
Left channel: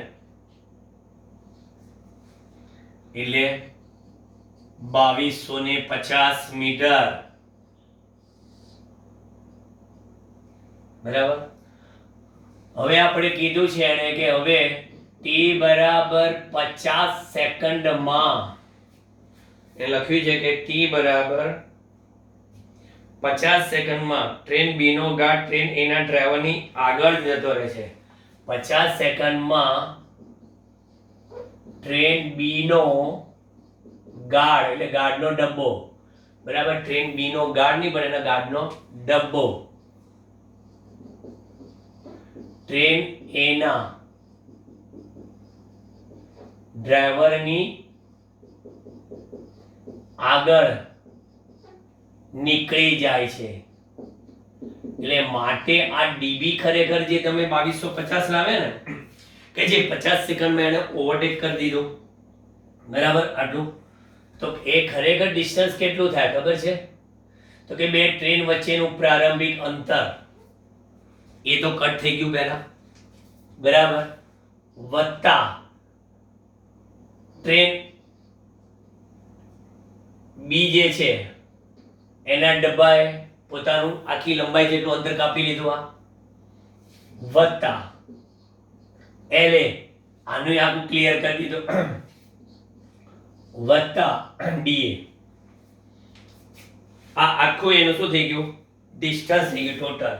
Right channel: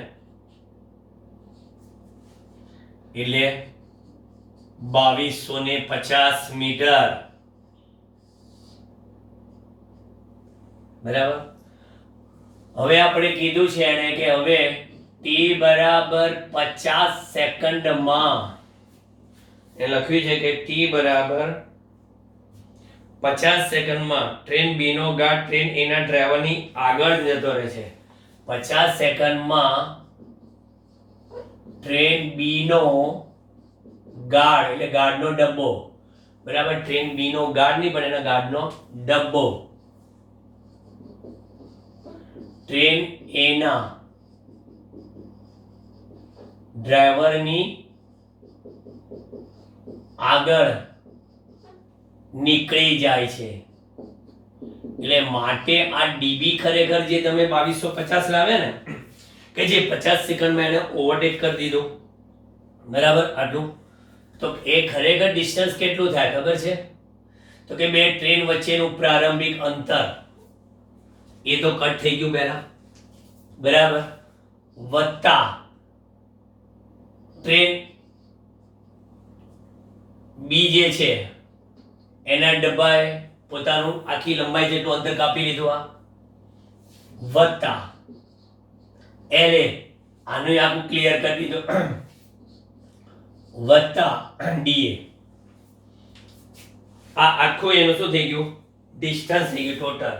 એટલે 2250 મીટર. બરાબર. હવે આપણે કીધું છે એને કે હવે ટી બરાબર 50 સેકન્ડમાં એ લખ્યું છે કે ટી બરાબર 50 સેકન્ડમાં ટ્રેન બી નો ગાર્ડ ટ્રેન એ ના ડ્રાઈવરની આગળ જતો રહે છે. 50 સેકન્ડમાં ટ્રેન બી નો ગાર્ડ એટલે ગાર્ડનો ડબ્બો, બરાબર, ટ્રેન બી નો ગાર્ડ નહીં પણ એના ગાર્ડનો ડબ્બો ટ્રેન એ ના ડ્રાઈવરની આગળ નીકળી જાય છે. એટલે માટે આ ડીબી ખરેખર જે તમે 2250 લાવે ને કે જે 50 સેકન્ડમાં એને ઓવરટેક કરી દીધું, બરાબર, આટલું, તો એ ખરેખર ડિસ્ટન્સ કેટલું થાય ખબર છે? તો કે બે ટ્રેન વચ્ચેનું પ્રારંભિક અંતર એ તો કટ થઈ ગયું પહેલા, બરાબર, વત્તા ટ્રેન બી જે છે એના ડબ્બાએ પોતાનું આખી લંબાઈ જેટલું અંતર કાપી લીધું, આ વત્તા એલે આનું આખું ક્લિયર કરી દીધું, વત્તા ડીએ. આ આખું એનું શું થઈ ગયું? ડિસ્ટન્સ થઈ ગયું ટોટલ.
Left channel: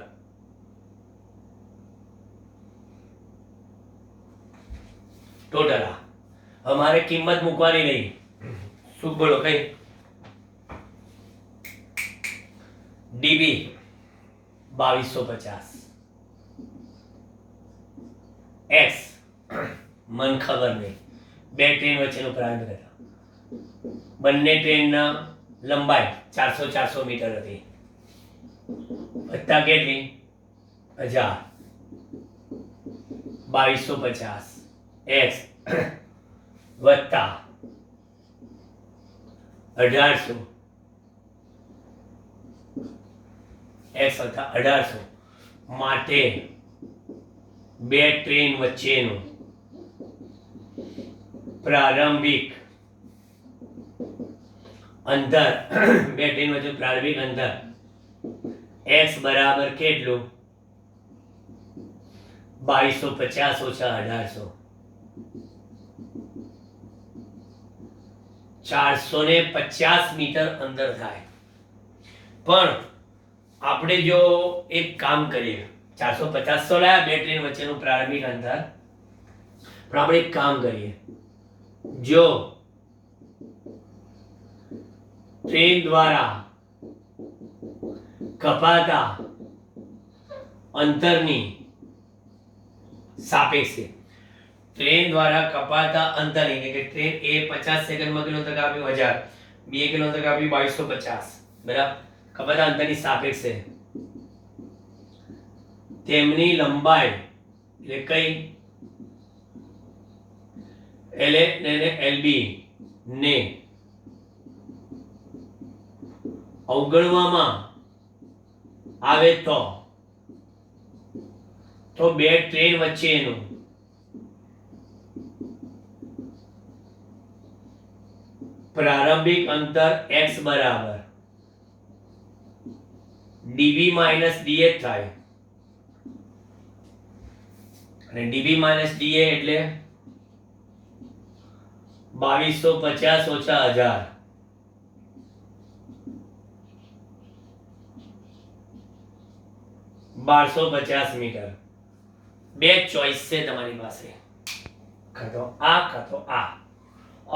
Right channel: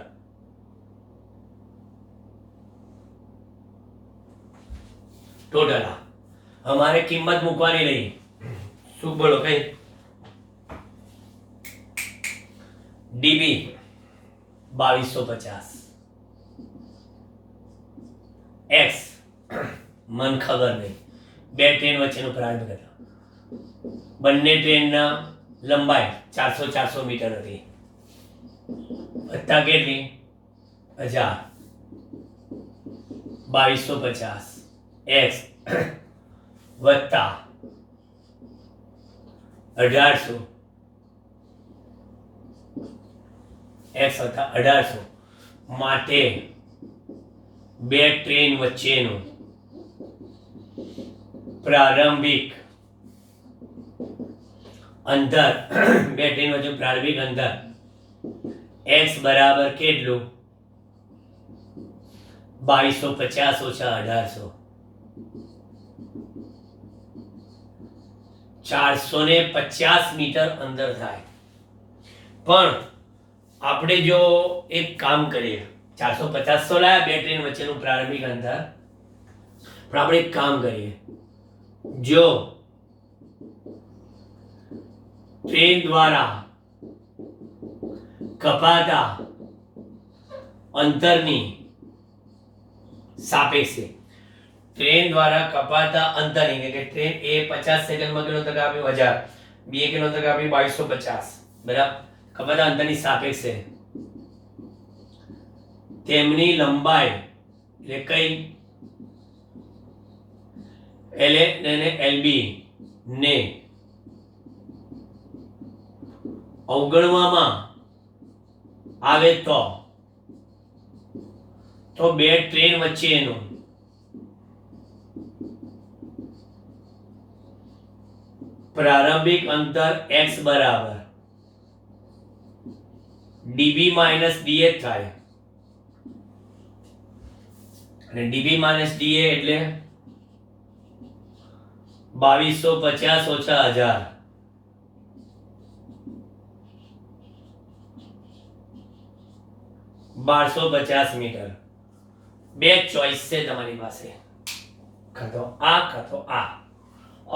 ટોટલ અમારે કિંમત મૂકવાની નહીં. શું બોલો કઈ? ડીબી 2250, એક્સ મન ખબર નહીં, બે ટ્રેન વચ્ચેનું પ્રારંભિક અંતર, બંને ટ્રેનના લંબાઈ 400 મીટર હતી, વત્તા કેટલી? 1000, 2250 એક્સ વત્તા 1800 એક્સ વત્તા 1800 માટે બે ટ્રેન વચ્ચેનું પ્રારંભિક અંતર બે ટ્રેન વચ્ચે પ્રારંભિક અંતર એક્સ બરાબર કેટલું? 2250 ઓછા 1800, 450 મીટર અંદર થાય. પણ આપણે જો એક કામ કરીએ, 450 તો લાયા બે ટ્રેન વચ્ચેનું પ્રારંભિક અંતર, પણ આપણે એક કામ કરીએ, જો ટ્રેન દ્વારા કપાતા અંતરની સાપેક્ષે ટ્રેન દ્વારા કપાતા અંતર એટલે કે ટ્રેન એ 50 સેકન્ડમાં કેટલો અંતર કાપ્યું? 1000, બી કેટલો અંતર કાપ્યું? 2250, બરાબર. કપાતા અંતરની સાપેક્ષે તેમની લંબાઈ એટલે કઈ LA અને LB ને અવગણવામાં આવે તો બે ટ્રેન વચ્ચેનું પ્રારંભિક અંતર x બરાબર dB માઇનસ dA થાય અને dB માઇનસ dA એટલે 2250 ઓછા 1000 1250 મીટર બે ચોઈસ છે તમારી પાસે કાં તો આ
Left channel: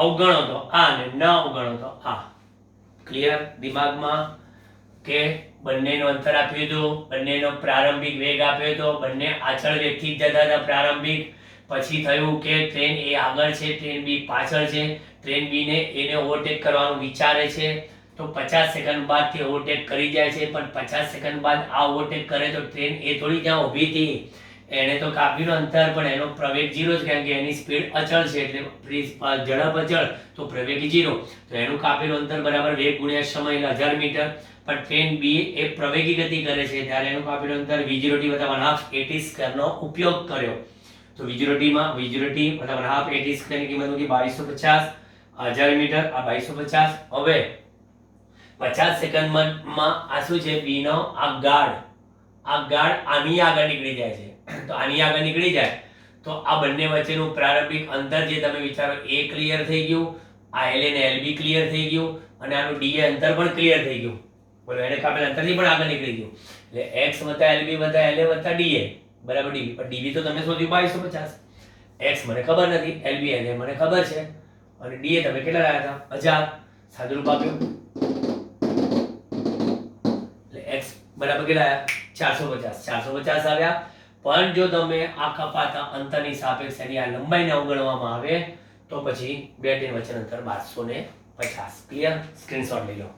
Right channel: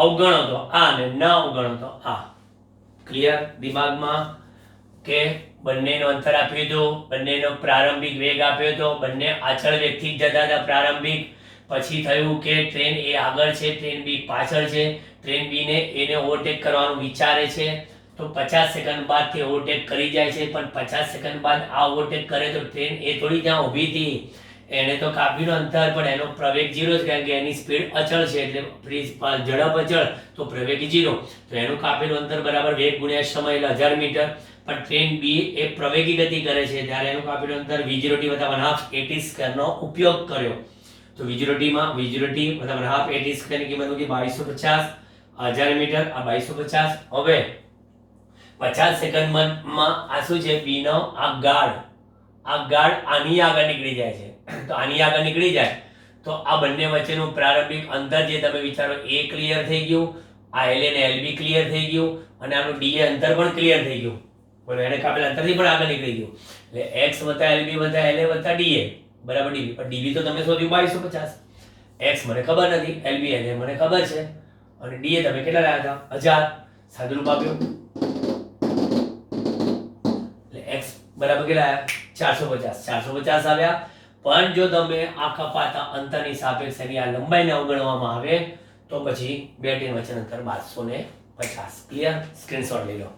અવગણો તો આ અને ન અવગણો તો આ ક્લિયર દિમાગમાં કે બંનેનું અંતર આપ્યું હતું બંનેનો પ્રારંભિક વેગ આપ્યો હતો બંને આછળ વેગથી જતા હતા પ્રારંભિક પછી થયું કે ટ્રેન એ આગળ છે ટ્રેન બી પાછળ છે ટ્રેન બી ને એને ઓવરટેક કરવાનું વિચારે છે તો 50 સેકન્ડ બાદ તે ઓવરટેક કરી જાય છે પણ 50 સેકન્ડ બાદ આ ઓવરટેક કરે તો ટ્રેન એ થોડી ત્યાં ઊભી હતી એને તો કાપ્યું અંતર પણ એનો પ્રવેગ 0 છે કારણ કે એની સ્પીડ અચળ છે એટલે ઝડપ અચળ તો પ્રવેગ 0 તો એનું કાપેલું અંતર બરાબર વેગ ગુણ્યા સમય એટલે 1000 મીટર પણ ટ્રેન બી એ પ્રવેગી ગતિ કરે છે ત્યારે એનું કાપેલું અંતર v0t = 1/2 નો ઉપયોગ કર્યો તો v0t માં v0t = 1/2 ની કિંમત હતી 2250 1000 મીટર આ 2250 હવે 50 સેકન્ડમાં આ શું છે b નો આ ગાઢ આની આગળ નીકળી જાય છે તો આની આગળ નીકળી જાય તો આ બંને વચ્ચેનું પ્રારંભિક અંતર જે તમે વિચારો એ ક્લિયર થઈ ગયું આ LA ને LB ક્લિયર થઈ ગયું અને આનું DA અંતર પણ ક્લિયર થઈ ગયું બોલો એને કાપેલ અંતરથી પણ આગળ નીકળી ગયું એટલે x + LB + LA + DA બરાબર DB પણ DB તો તમે શોધ્યું 2250 x મને ખબર નથી LB LA મને ખબર છે અને DA તમે કેટલા લાવ્યા હતા 1000 સાદુરૂપ આપ્યું એટલે x બરાબર કેટલા આવ્યા 450 આવ્યા પણ જો તમે આ કપાતા અંતરની સાપેક્ષે એની આ લંબાઈને અવગણવામાં આવે તો પછી બે ટ્રેન વચ્ચેનું અંતર 1250 ક્લિયર સ્ક્રીનશોટ લઈ લો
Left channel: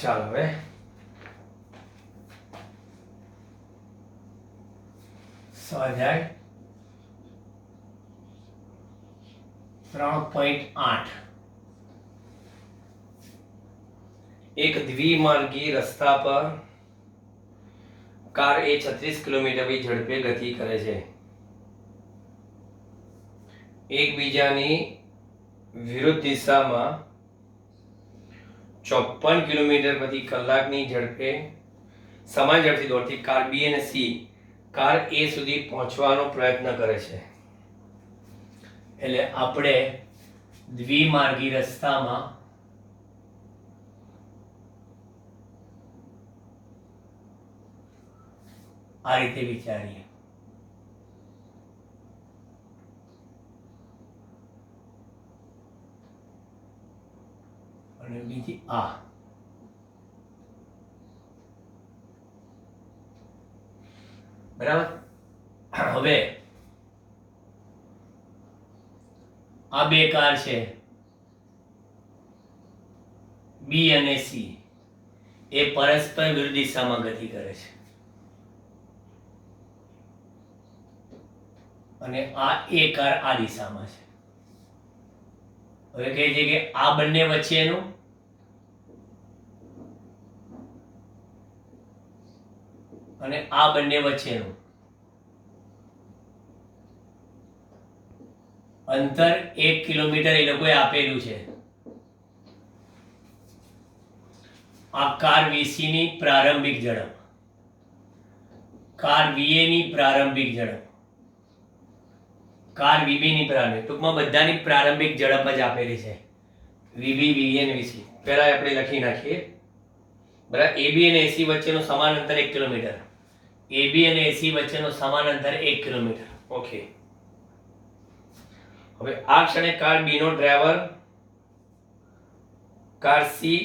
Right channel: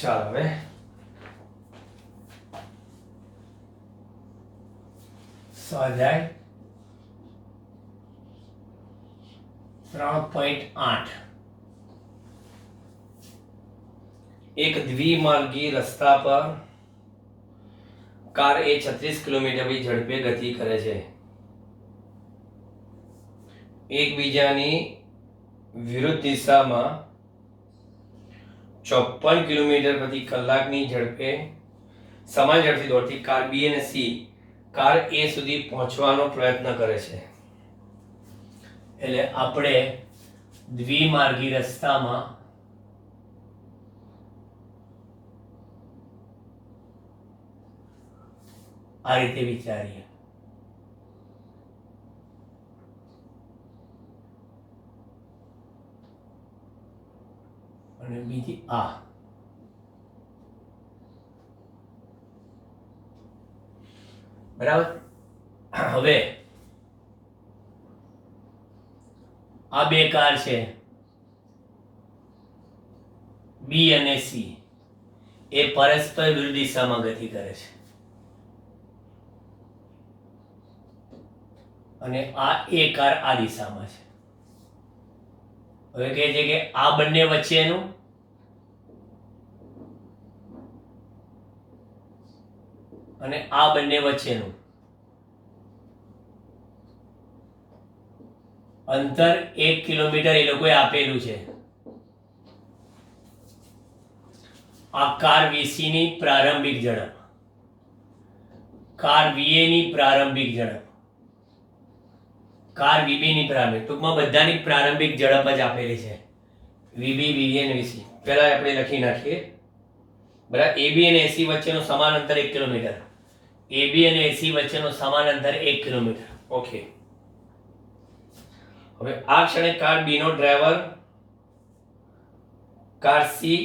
ચાલો હવે સ્વાધ્યાય 3.8 એક દ્વિમાર્ગી રસ્તા પર કાર એ 36 કિલોમીટર ઝડપે ગતિ કરે છે એકબીજાની વિરુદ્ધ દિશામાં 54 કિલોમીટર પ્રતિ કલાકની ઝડપે સમાન ઝડપથી દોડતી કાર B અને C કાર A સુધી પહોંચવાનો પ્રયત્ન કરે છે એટલે આપણે દ્વિમાર્ગી રસ્તામાં આ રીતે વિચારીએ અને બીજી આ બરાબર હવે આ બે કાર છે B અને C એ પરસ્પર વિરુદ્ધ દિશામાં ગતિ કરે છે અને આ એ કાર આ દિશામાં છે હવે કહે છે કે આ બંને વચ્ચેનું અને આ બંને વચ્ચેનું અંતર 1 કિલોમીટર એ લોકોએ આપેલું છે આ કાર VC ની પ્રારંભિક ઝડપ કાર VA ની પ્રારંભિક ઝડપ કાર VB ની પ્રારંભિક ટૂંકમાં બધાની પ્રારંભિક ઝડપ જ આપેલી છે VB VA અને VC પહેલા આપણે લખી નાખીએ બરાબર AB અને AC વચ્ચેનું સમાન અંતર 1 કિલોમીટર AB અને AC વચ્ચેનું સમાન અંતર 1 કિલોમીટર ઓકે હવે આ ક્ષણે કાર B નો driver car C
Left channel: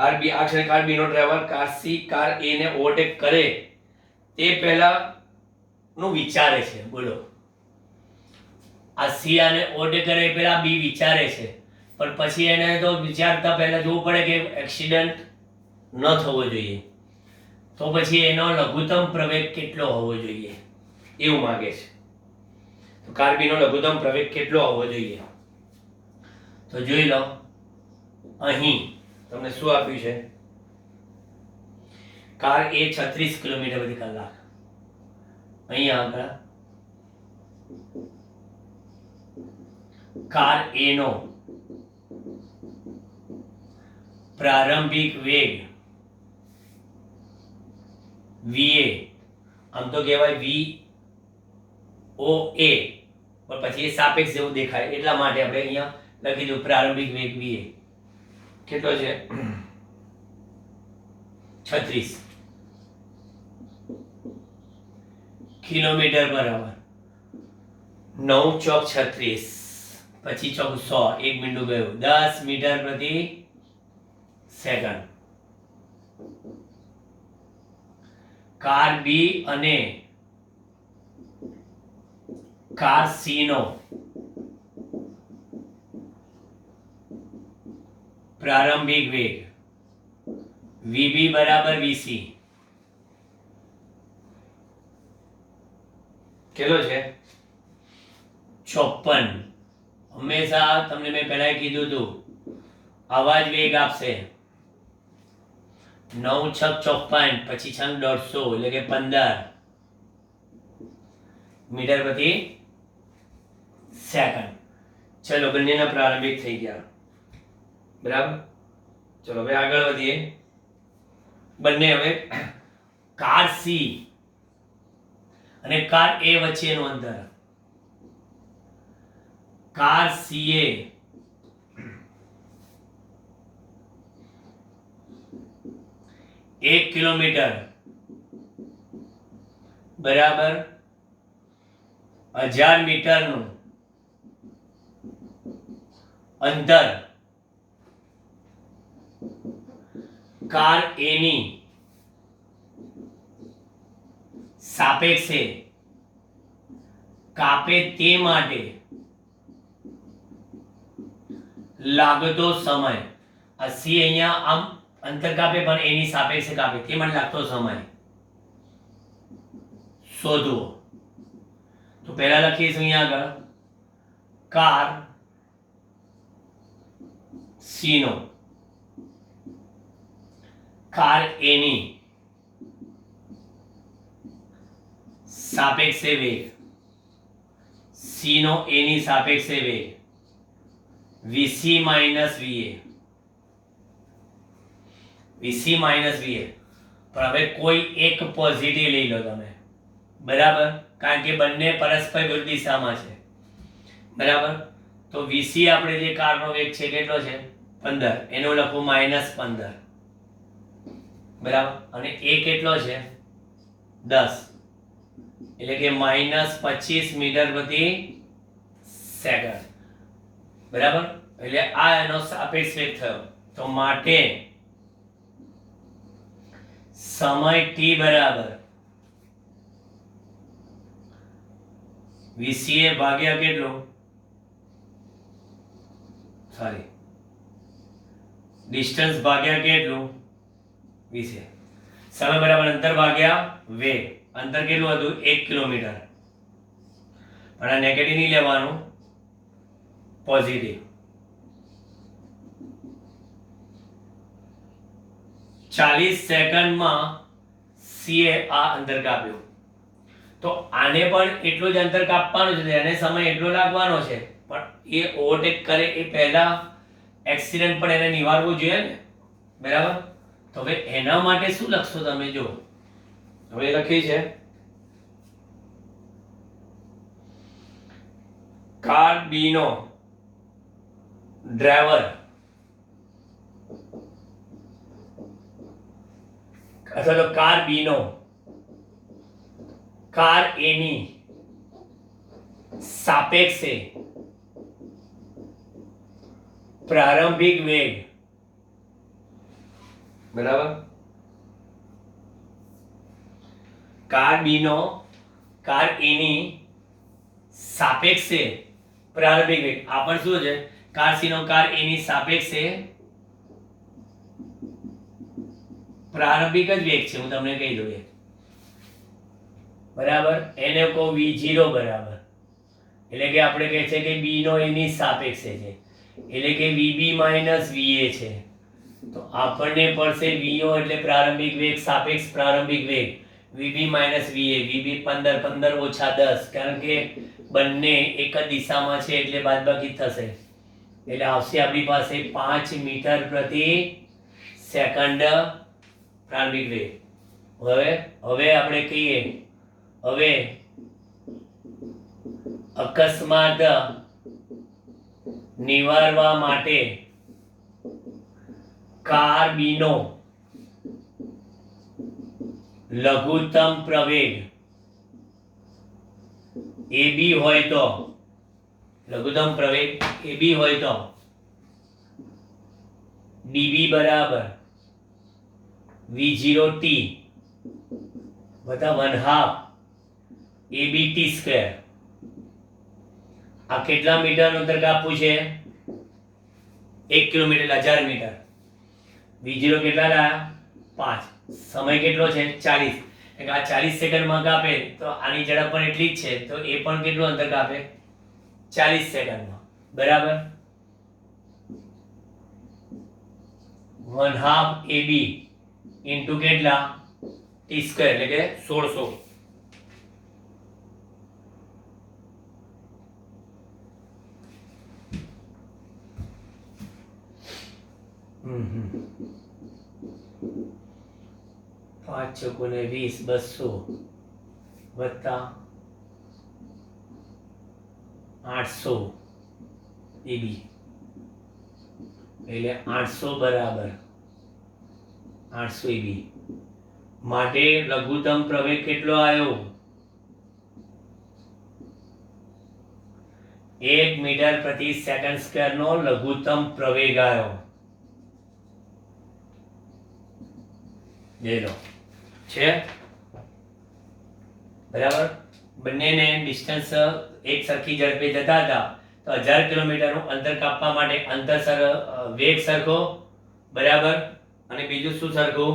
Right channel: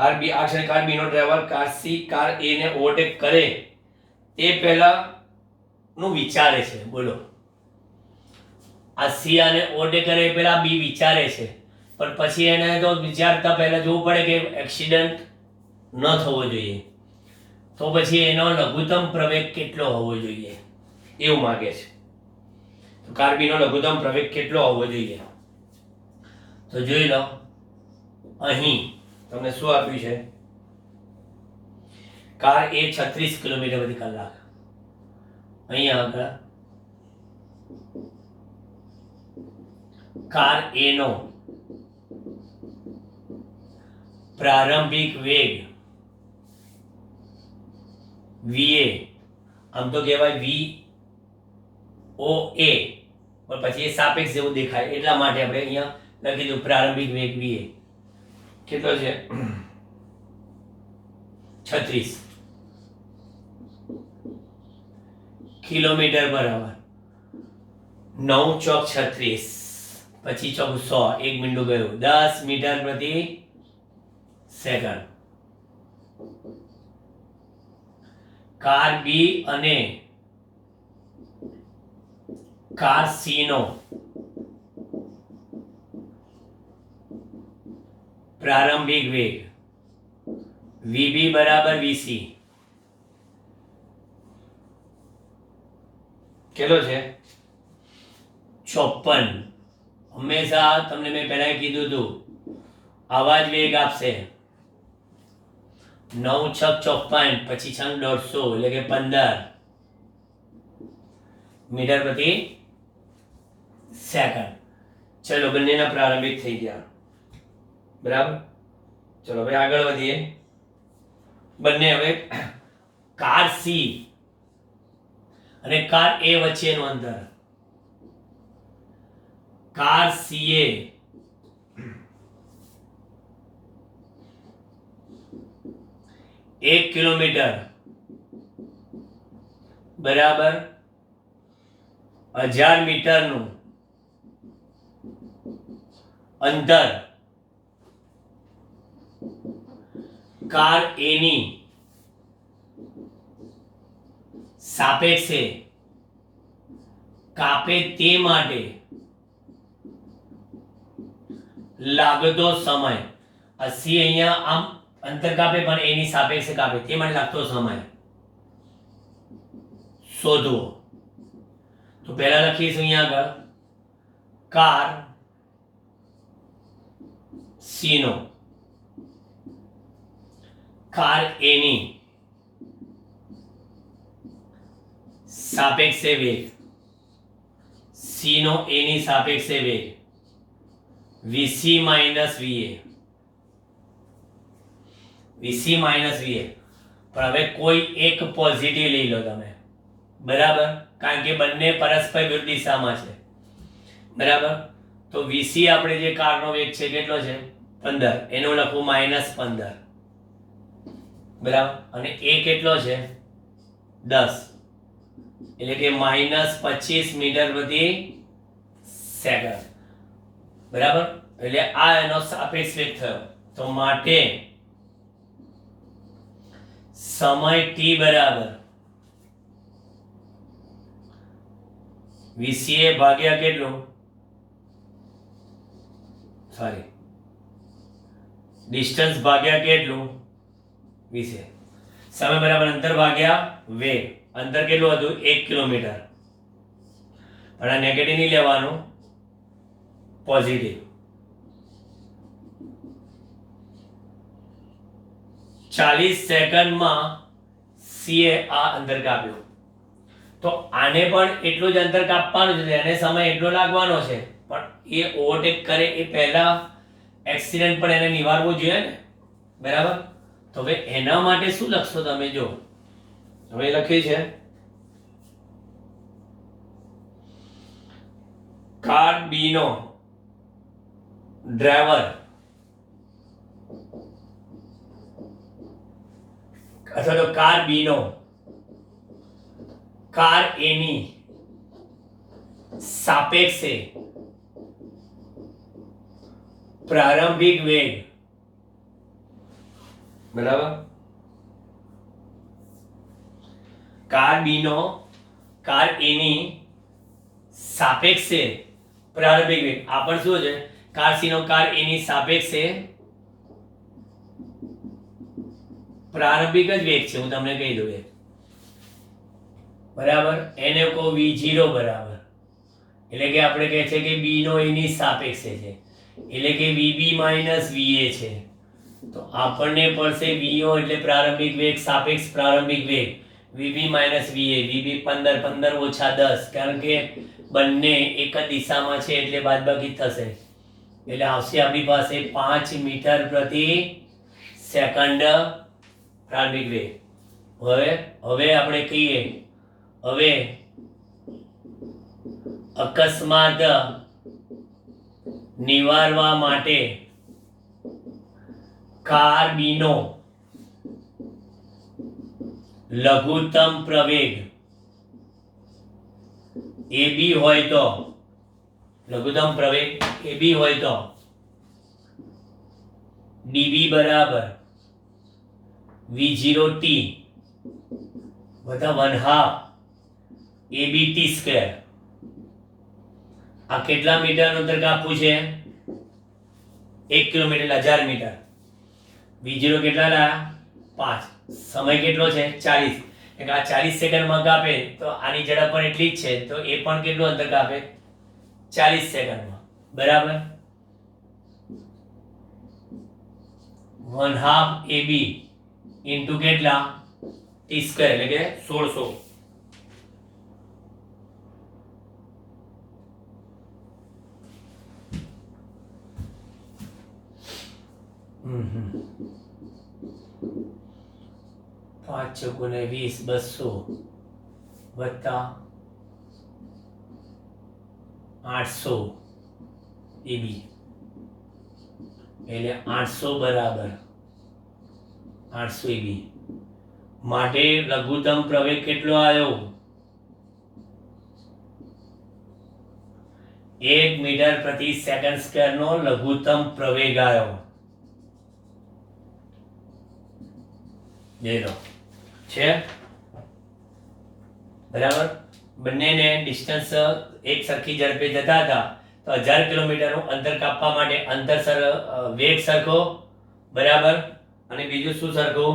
car B આ ક્ષણે કાર B નો driver car C car A ને ઓવરટેક કરે તે પહેલા નું વિચારે છે. બોલો, આ સી અને ઓ કરે પેલા બી વિચારે છે, પણ પછી એને તો વિચારતા પહેલા જોવું પડે કે એક્સિડન્ટ ન થવો જોઈએ, તો પછી એનો લઘુત્તમ પ્રવેગ કેટલો હોવો જોઈએ એવું માંગે છે. તો કાર બીનો લઘુત્તમ પ્રવેગ કેટલો હોવો જોઈએ? તો જોઈ લો, અહીં તમને શું આપ્યું છે? કાર એ 36 કિલોમીટર પ્રતિ કલાક. અહીંયા આગળ કાર એ નો પ્રારંભિક વેગ va, આમ તો કહેવાય voa, પણ પછી એ સાપેક્ષ જેવું દેખાય એટલા માટે આપણે અહીંયા લખી દઉં પ્રારંભિક વેગ va. કેટલો છે? 36 કિલોમીટર પર અવર. 9 ચોક 36, પછી ચોક 100, 1 મિનિટ ગયું, 10 મીટર પ્રતિ સેકન્ડ. કાર બી અને કાર સી નો પ્રારંભિક વેગ વીબી બરાબર વીસી કેટલો છે? 54. હંમેશા તમને મેં પહેલા કીધું હતું આવા જ વેગ આપશે. 9 છક 54, પછી 6 150, એટલે કે 15 મીટર પ્રતિ સેકન્ડ. ચલો, બંનેના પ્રારંભિક થઈ ગયા. બરાબર. ચલો હવે આગળ વધીએ. બંને હવે કાર સી અને કાર એ વચ્ચેનું અંતર. કાર સી એ 1 કિલોમીટર બરાબર 1000 મીટરનું અંતર કાર એ ની સાપેક્ષે કાપે તે માટે લાગતો સમય. આ સી અહીંયા આમ અંતર કાપે પણ એની સાપેક્ષે કાપે તે માટે લાગતો સમય શોધવો. તો પહેલા લખીશું અહીંયા આગળ કાર સી નો કાર એ ની સાપેક્ષે વેગ, સી નો એ ની સાપેક્ષે વેગ વીસી માઇનસ વીએ. વીસી માઇનસ વીએ. પણ હવે કોઈ એક પોઝિટિવ લઈ લો તમે, બરાબર, કારણ કે બંને પરસ્પર વિરુદ્ધ દિશામાં છે. બરાબર. તો વીસી આપણે જે કારનો વેગ છે કેટલો છે? 15, એનો લખું -15. બરાબર. અને એ કેટલો છે? 10, એટલે કે -25 મીટર પ્રતિ સેકન્ડ. બરાબર. એટલે આ એનો સાપેક્ષ વેગ થયો. તો માટે સમય t બરાબર વીસીએ ભાગ્યા કેટલું? સોરી, ડિસ્ટન્સ ભાગ્યા કેટલું? 20. સમય બરાબર અંતર ભાગ્યા વેગ. અંતર કેટલું હતું? 1 કિલોમીટર. પણ આ નેગેટિવ નહીં લેવાનું, પોઝિટિવ. 40 સેકન્ડમાં સીએ આ અંતર કાપ્યું. તો આને પણ એટલું જ અંતર કાપવાનું છે, એને સમય એટલો લાગવાનો છે, પણ એ ઓવરટેક કરે એ પહેલા એક્સિડન્ટ પણ એને નિવારવું જોઈએ ને. બરાબર. તો હવે એના માટે શું લખશો તમે? જો હવે લખી છે કાર બી નો ડ્રાઈવર અથવા તો કાર બી નો કાર એ ની સાપેક્ષે પ્રારંભિક વેગ. બરાબર. કાર બી નો કાર એની સાપેક્ષે પ્રારંભિક વેગ, આ પણ શું છે, કાર સી નો કાર એની સાપેક્ષે પ્રારંભિક જ વેગ છે, હું તમને કહી દઉં. બરાબર, એને કહો v0 બરાબર, એટલે કે આપણે કહે છે કે b નો એની સાપેક્ષે છે, એટલે કે vb માઇનસ va છે. તો આપણને પડશે vo એટલે પ્રારંભિક વેગ સાપેક્ષ પ્રારંભિક વેગ, vb માઇનસ va, vb 15 15 ઓછા 10, કારણ કે બંને એક જ દિશામાં છે એટલે બાદબાકી થશે, એટલે આવશે આપણી પાસે 5 મીટર પ્રતિ સેકન્ડ પ્રારંભિક વેગ. હવે આપણે કહીએ, હવે અકસ્માત નિવારવા માટે કાર બી નો લઘુત્તમ પ્રવેગ AB હોય તો, લઘુત્તમ પ્રવેગ AB હોય તો dB બરાબર v0t વત્તા 1/2 ABT સ્ક્વેર. આ કેટલા મીટરનું અંતર કાપવું છે? 1 કિલોમીટર એટલે 1000 મીટર. v0 કેટલા લાયા? 5. સમય કેટલો છે? 40. એટલે આ 40 સેકન્ડમાં કાપે તો આની ઝડપ પણ એટલી જ છે, તો એ પણ કેટલું અંતર કાપે? 40 સેકન્ડમાં. બરાબર, 1/2 AB ઇન્ટુ કેટલા? t સ્ક્વેર એટલે કે 1600. પાંચ ચોકુને 20, 200 વત્તા 800 AB એટલે 800 બરાબર 800 AB માટે લઘુત્તમ પ્રવેગ કેટલો આવ્યો? 1 મીટર પ્રતિ સેકન્ડ સ્ક્વેર નો લઘુત્તમ પ્રવેગ આવ્યો. જોઈ લો છે બરાબર. બંનેને ડિસ્ટન્સ એક સરખી ઝડપે જતા હતા તો 1000 કિલોમીટરનું અંતર કાપવા માટે વેગ સરખો બરાબર, અને બીજું શું સરખું?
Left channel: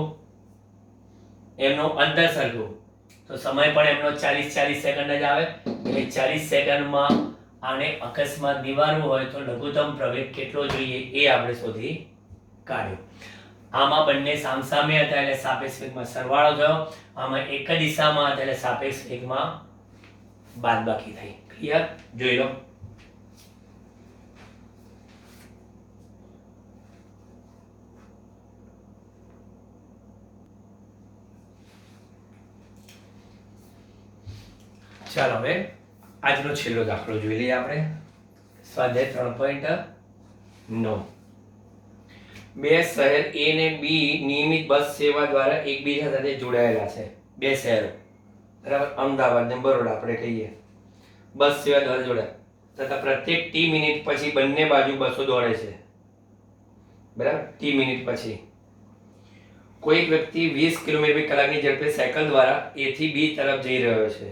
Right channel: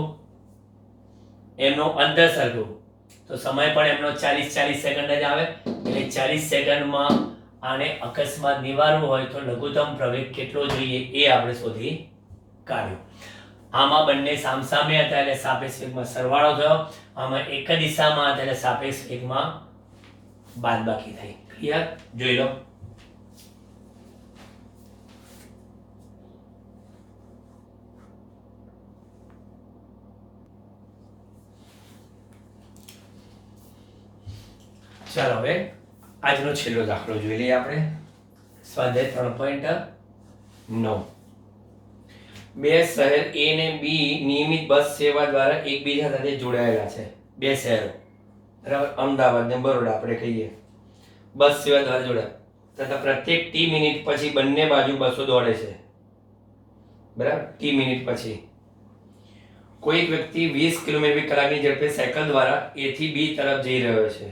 એમનો અંતર સરખું. તો સમય પણ એમનો 40 સેકન્ડ જ આવે, એટલે 40 સેકન્ડમાં આને અકસ્માત નિવારવું હોય તો લઘુત્તમ પ્રવેગ કેટલો જોઈએ એ આપણે શોધી કાઢ્યો. આમાં બંને સામસામે હતા એટલે સાપેક્ષ વેગમાં સરવાળો થયો, આમાં એક જ દિશામાં હતા એટલે સાપેક્ષ વેગમાં બાદબાકી થઈ. ક્લિયર? જોઈ લો. ચાલો હવે આજનો છેલ્લો દાખલો જોઈ લઈએ આપણે. સ્વાધ્યાય 3.9. બે શહેર A ને B નિયમિત બસ સેવા દ્વારા એકબીજા સાથે જોડાયેલા છે. બે શહેરો બરાબર, અમદાવાદ ને બરોડા આપણે કહીએ, બસ સેવા દ્વારા જોડાયા તથા પ્રત્યેક T મિનિટ પછી બંને બાજુ બસો દોડે છે. બરાબર, T મિનિટ પછી કોઈ એક વ્યક્તિ 20 કિલોમીટર કલાકની ઝડપે સાયકલ દ્વારા A થી B તરફ જઈ રહ્યો છે.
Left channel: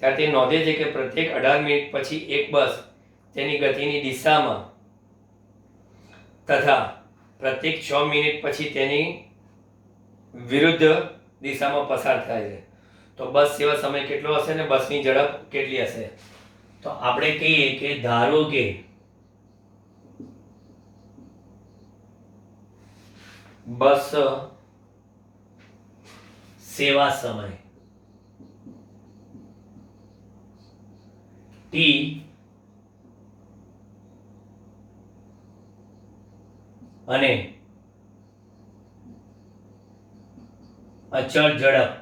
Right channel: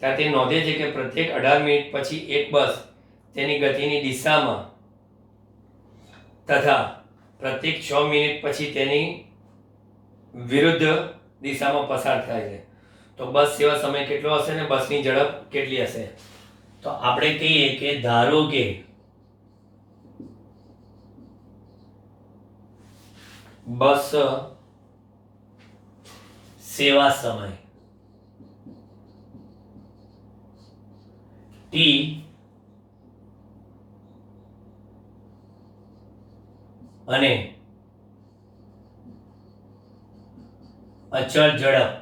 ત્યારે તે નોંધે છે કે પ્રત્યેક 18 મિનિટ પછી એક બસ તેની ગતિની દિશામાં તથા પ્રત્યેક 6 મિનિટ પછી તેની વિરુદ્ધ દિશામાં પસાર થાય છે. તો બસ સેવા સમય કેટલો હશે ને બસની ઝડપ કેટલી હશે? તો આપણે કહીએ કે ધારો કે બસ સેવા સમય T અને અચળ ઝડપ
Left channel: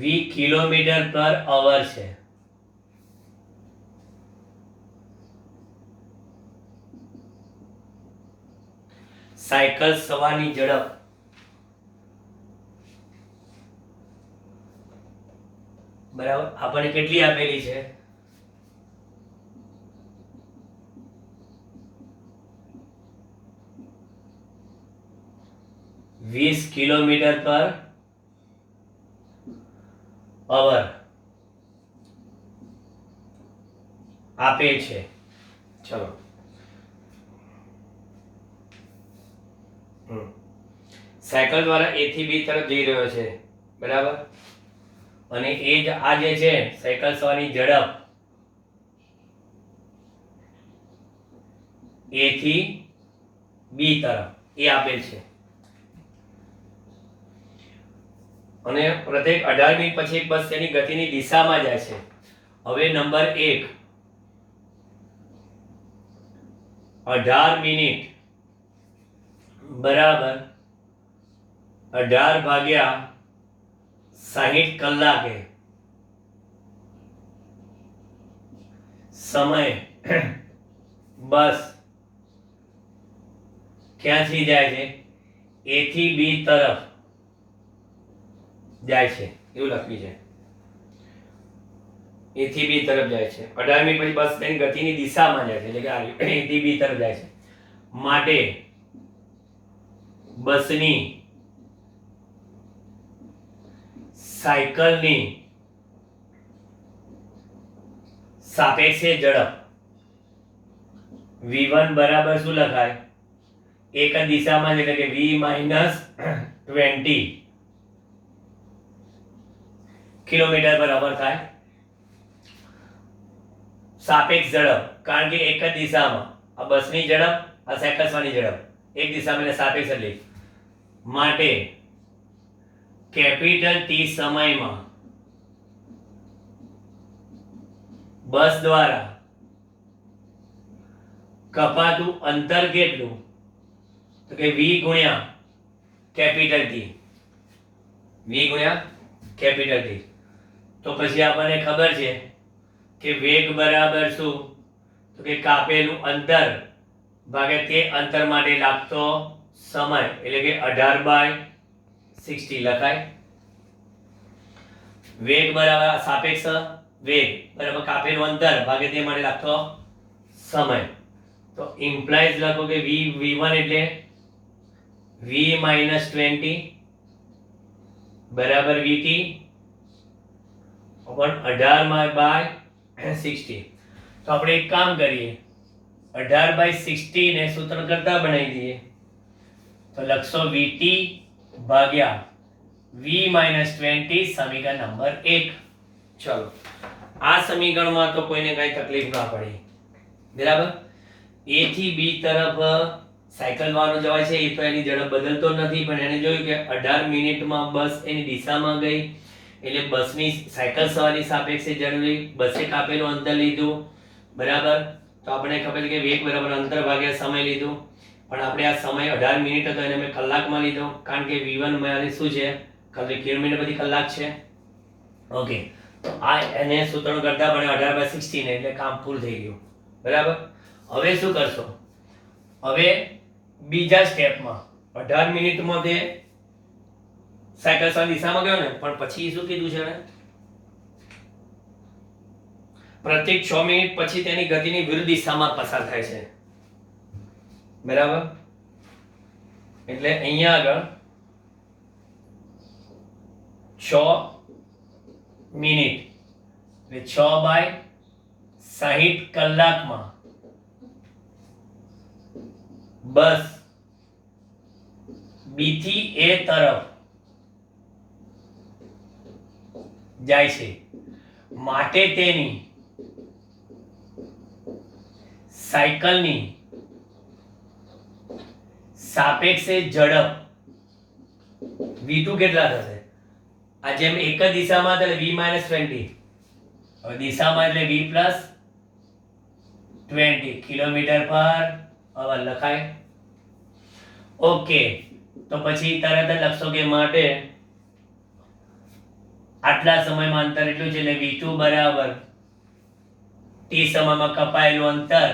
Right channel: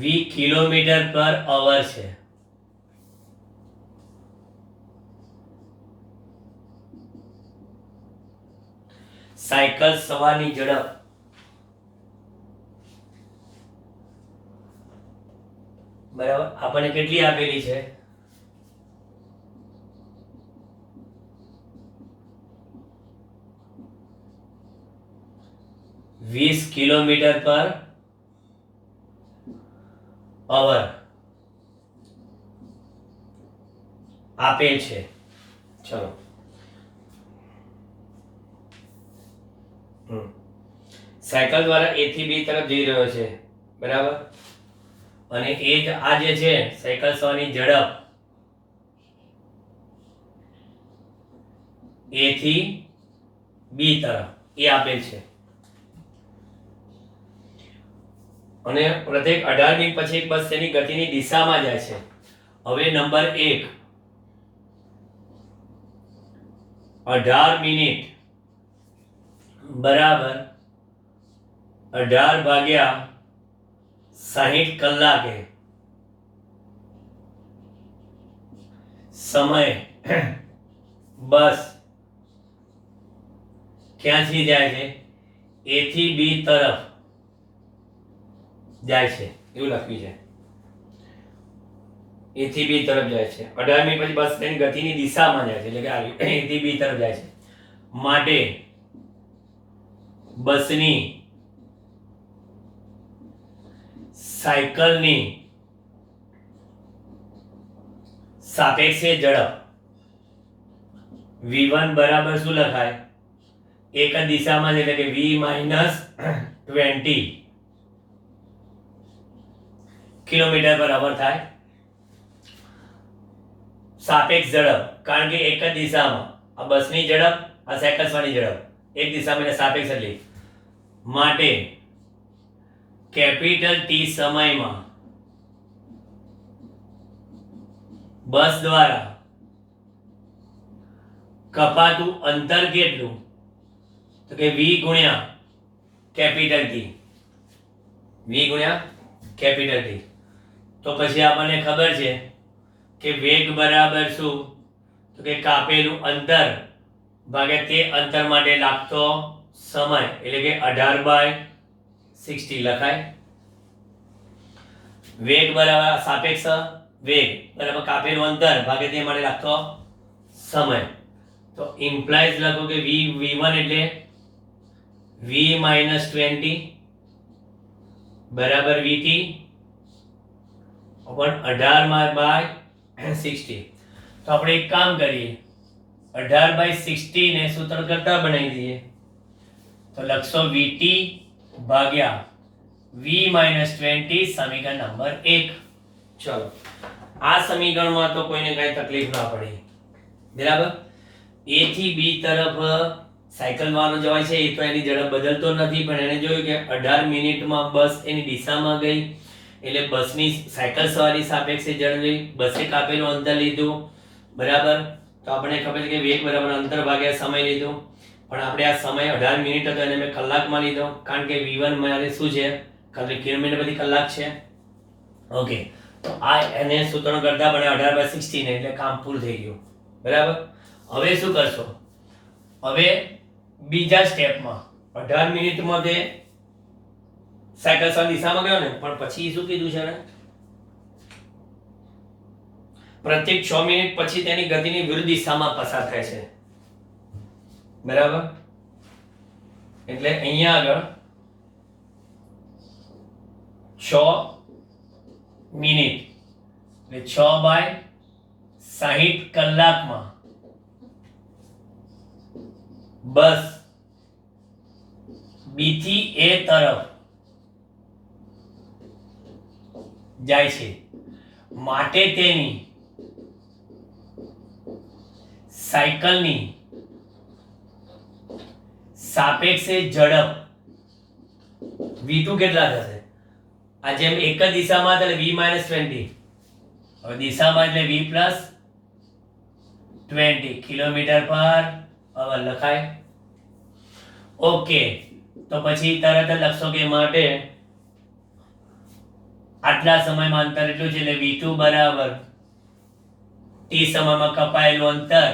v કિલોમીટર પર અવર છે. સાયકલ સવારની ઝડપ બરાબર આપણને કેટલી આપેલી છે? 20 કિલોમીટર પર પાવર આપેલ છે. ચલો સાયકલ દ્વારા A થી B તરફ જઈ રહ્યો છે, બરાબર, અને એ જ આ જે છે સાયકલ સવારની ઝડપ A થી B તરફ એ આપેલ છે, અને પ્રત્યેક 18 મિનિટ પછી એક બસ તેની ગતિની દિશામાં જાય છે. હવે નંબર 1, 18 મિનિટ બરાબર 18 ભાગ્યા 60 કલાકે સમય બસ ક્યાંથી જાય છે? A થી B તરફ જાય છે, એવું લખ્યું છે. A થી B તરફ જાય છે. 18 મિનિટ પછી બસ તેની ગતિની દિશામાં જાય છે, એટલે કે A થી B તરફ જાય છે. માટે બસની સાયકલની સાપેક્ષે ઝડપ v1 બરાબર શું લખાય? એક જ દિશામાં છે, એટલે કે v - 20 કિલોમીટર પર અવર થાય. સાપેક્ષ ઝડપ, કારણ કે એક જ દિશામાં આ બસની ઝડપ, આ સાયકલ સવારની ઝડપ એક દિશામાં, એટલે સાપેક્ષ એટલે માટે કેપિટલ T સમયમાં બસ દ્વારા કપાતું અંતર કેટલું? તો કે v ગુણ્યા કેપિટલ T, v ગુણ્યા કેપિટલ T. તો પછી આપણને ખબર છે કે વેગ બરાબર શું? તો કે કાપેલું અંતર ભાગ્યા તે અંતર માટે લાગતો સમય, એટલે કે 18/60 લખાય. વેગ બરાબર સાપેક્ષ વેગ બરાબર કાપેલું અંતર ભાગ્યા તે માટે લાગતો સમય. તો ઇમ્પ્લાઇઝ લખો કે v1 એટલે v - 20 બરાબર vt upon 18/60. તો આપણે એક કામ કરીએ, 18/60 ને સૂત્ર કરતા બનાવી દઈએ. તો લખશો vt ભાગ્યા v - 20 સમીકરણ નંબર 1. ચલો આ સમીકરણમાં તો કોઈને કઈ તકલીફ ના પડી, બરાબર. A થી B તરફ સાયકલ વાળો જવાય છે, એ તો એની ઝડપ બદલતો નથી, પણ એને જોયું કે 18 મિનિટમાં બસ એની દિશામાં ગઈ, એટલે બસની સાયકલ સવારી સાપેક્ષે ઝડપી, બસે કાપેલું અંતર લીધું, બરાબર. તો આપણે ખબર છે કે વેગ બરાબર અંતર ભાગ્યા સમય લીધું, પણ આપણે આ સમય 18 મિનિટ હતો એને મેં કલાકમાં લીધો, કારણ કે v1 મારે શું છે? કિલોમીટર બધી કલાક છે. ઓકે, તો આ એને સૂત્ર કરતા બને 18/60 ને, એટલે કામ ફૂલ થઈ ગયું, બરાબર. હવે શું કરશો? હવે બીજા સ્ટેપમાં 18 મિનિટમાં તે સાયકલ સવારી દિશામાં ગયો ને, પણ પછી શું કીધું છે ને? પ્રત્યેક 6 મિનિટ પછી તેની ગતિની વિરુદ્ધ દિશામાં પસાર થાય છે, બરાબર. એટલે અહીંયા આગળ 6 મિનિટ એટલે 6/60 કલાકમાં બસ B થી A તરફ જાય છે, માટે તેની સાયકલની સાપેક્ષે ઝડપ v2 કેટલા થશે? આ જેમ એક જ દિશામાં એટલે v - 20, હવે દિશામાં એટલે v + 20 કિલોમીટર પર અવર લખાય. ઓકે, તો પછી તરત જ લખશો કે માટે આટલા સમયમાં અંતર એટલું છે, એટલે v2 બરાબર t સમયમાં કપાયેલું અંતર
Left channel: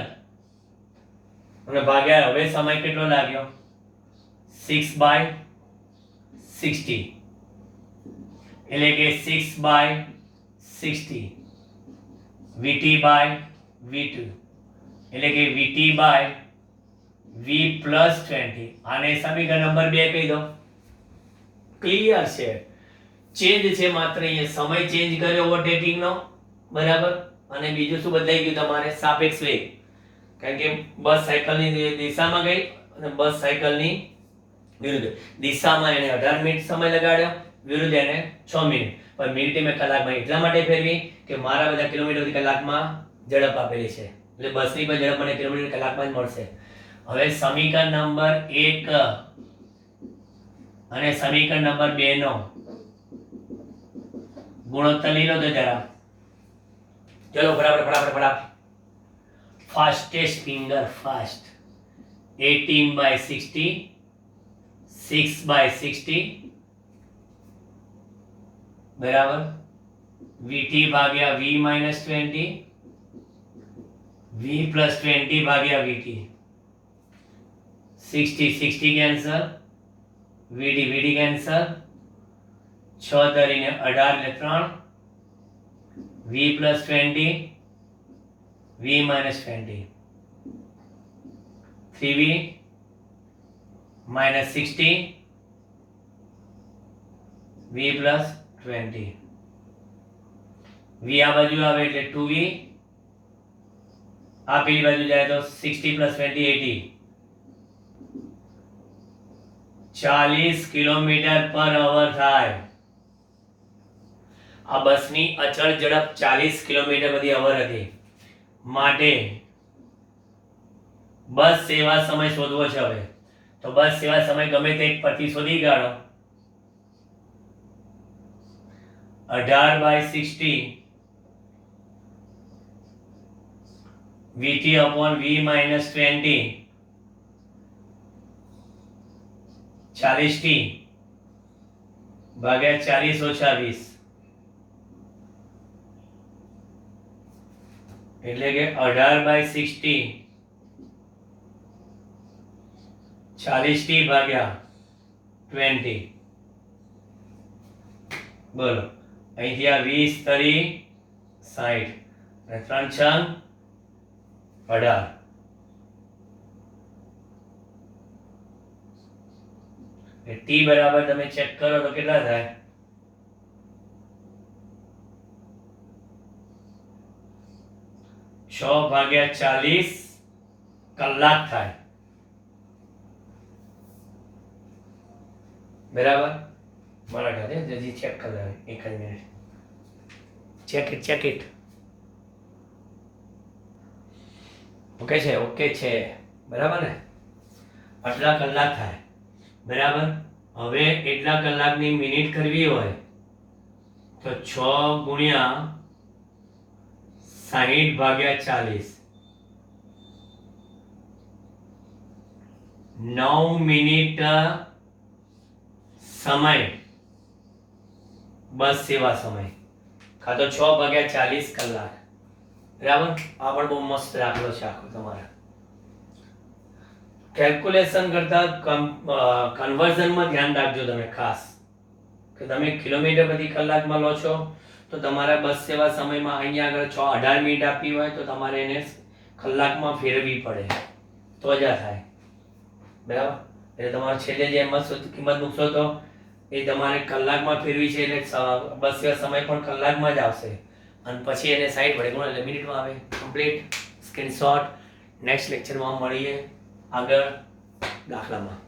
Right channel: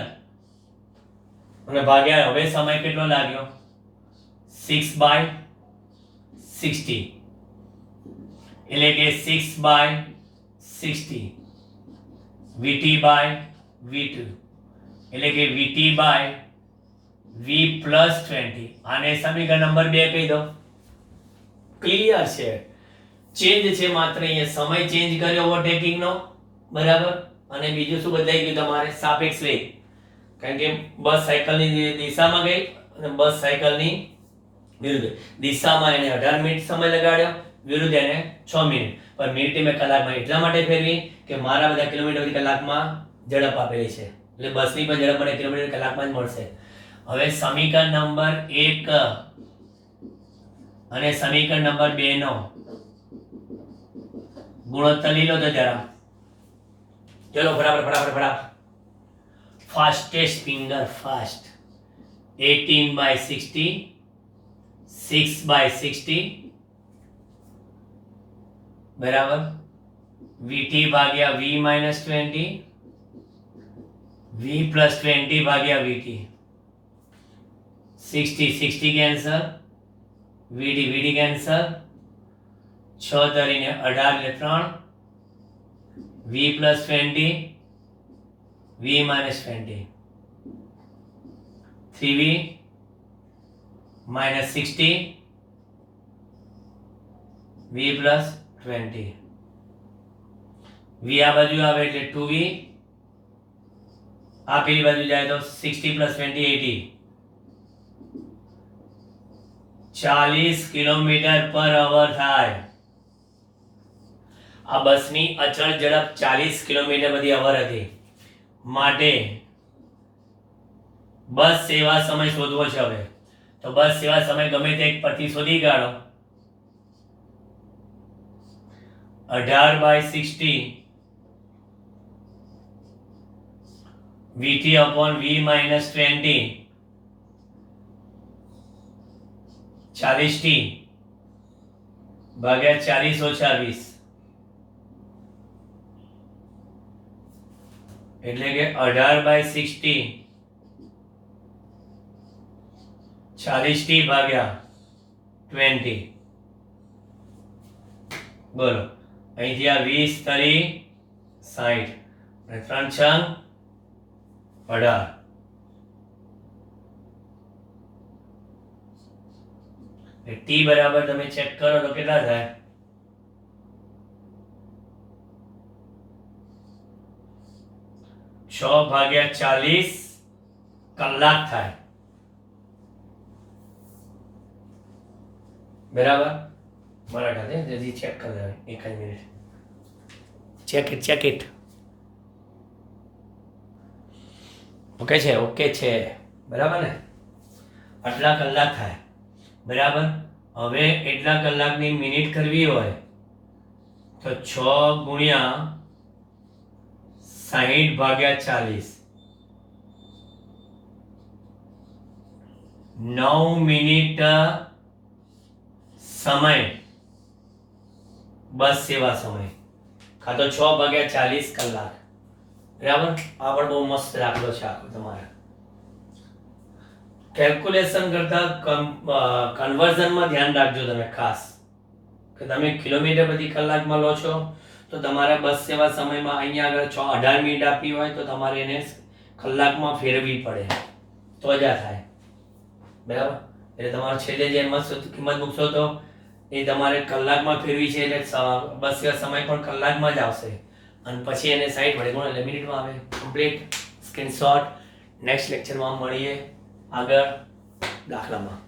અને ભાગ્યા હવે સમય કેટલો લાગ્યો? 6/60, એટલે કે 6/60 vt/v2, એટલે કે vt/v + 20. આને સમીકરણ નંબર 2 કહી દો. ક્લિયર છે? ચેન્જ છે માત્ર અહીંયા સમય ચેન્જ કર્યો ઓવરટેકિંગ નો, બરાબર. અને બીજું શું બદલાઈ ગયું તમારે? સાપેક્ષ વેગ. કારણ કે બસ સાયકલની દિશામાં ગઈ અને બસ સાયકલની વિરુદ્ધ દિશામાં એને 18 મિનિટ સમય લગાડ્યો, વિરુદ્ધ એને 6 મિનિટ. પણ મિનિટે મેં કલાકમાં એટલા માટે ફેરવી કે મારા બધા કિલોમીટર પ્રતિ કલાકમાં ઝડપ આપેલી છે, એટલે બસની પણ ઝડપ મને કિલોમીટર કલાકમાં જ મળશે. હવે સમીકરણ નંબર 1 અને સમીકરણ નંબર 2 નો ગુણોત્તર લઈ લો તો જરા. ચલો ફટાફટ. Fastest finger fast. 18/60, 6/60 બરાબર. VT ભાગ્યા V - 20, V + 20 ભાગ્યા VT. 60 કેન્સલ, VD કેન્સલ, 6 તરીને 18 એટલે 3, V + 20, V - 20, 3V - 60, V + 20. V આ બાજુ આવે એટલે 2V, આ પેલી બાજુ જાય તો 60 + 20 80. 40 km/h થાય. આ બસની અચળ ઝડપ 40 km/h હતી. માટે બસ સેવા સમય શોધવો છે. હવે તો બસ સેવા સમય ગમે તે એક પરથી શોધી કાઢો. 18/60 VT upon V - 20, 40T ભાગ્યા 40 - 20, એટલે કે 18/60 40T ભાગ્યા 20. બોલો, અહીંથી આ 20 તરી 60 અને 3 6 18. ટી બરાબર તમે ચેક કરો તો કેટલા થાય? 6/40 કલાક થાય. બરાબર. મારા ખાતે જલ્દી ચેક કરી લે. એક જ મિનિટ. Check it. ઓકે છે. બરાબર ને? આટલા કલાક થાય. બરાબર. હવે એટલા કલાકની મિનિટ કરવી હોય તો 6 ગુણ્યા 60/40, 9 મિનિટ સમય બસ સેવા સમય, કાં તો 6/40 કલાક. બરાબર. આ પણ બહુ મસ્ત દાખલો છે આખો તમારે. કેલ્ક્યુલેશન કરતા કન્વર્ઝનમાં ધ્યાન રાખજો તમે ખાસ, કે તમે કિલોમીટર પ્રતિ કલાકમાં લો છો તો તમારે બસ સેવા સમયમાં અહીંયા આગળ 18 મિનિટ આપવી હોય તો તમારે એને કલાકમાં ફેરવવી પડે તો જ આ થાય. બરાબર. એટલે તમારે છેલ્લે જે કિંમત મૂકશો તો એ તમારે કલાકમાં ફેરવી છે, એટલે બસ સેવા સમય પણ કલાકમાં જ આવશે અને પછી એને 60 વડે ગુણો એટલે મિનિટમાં આવે. કમ્પ્લીટ. સ્ક્રીનશોટ. નેક્સ્ટ લેક્ચરમાં મળીએ આગળ દાખલામાં.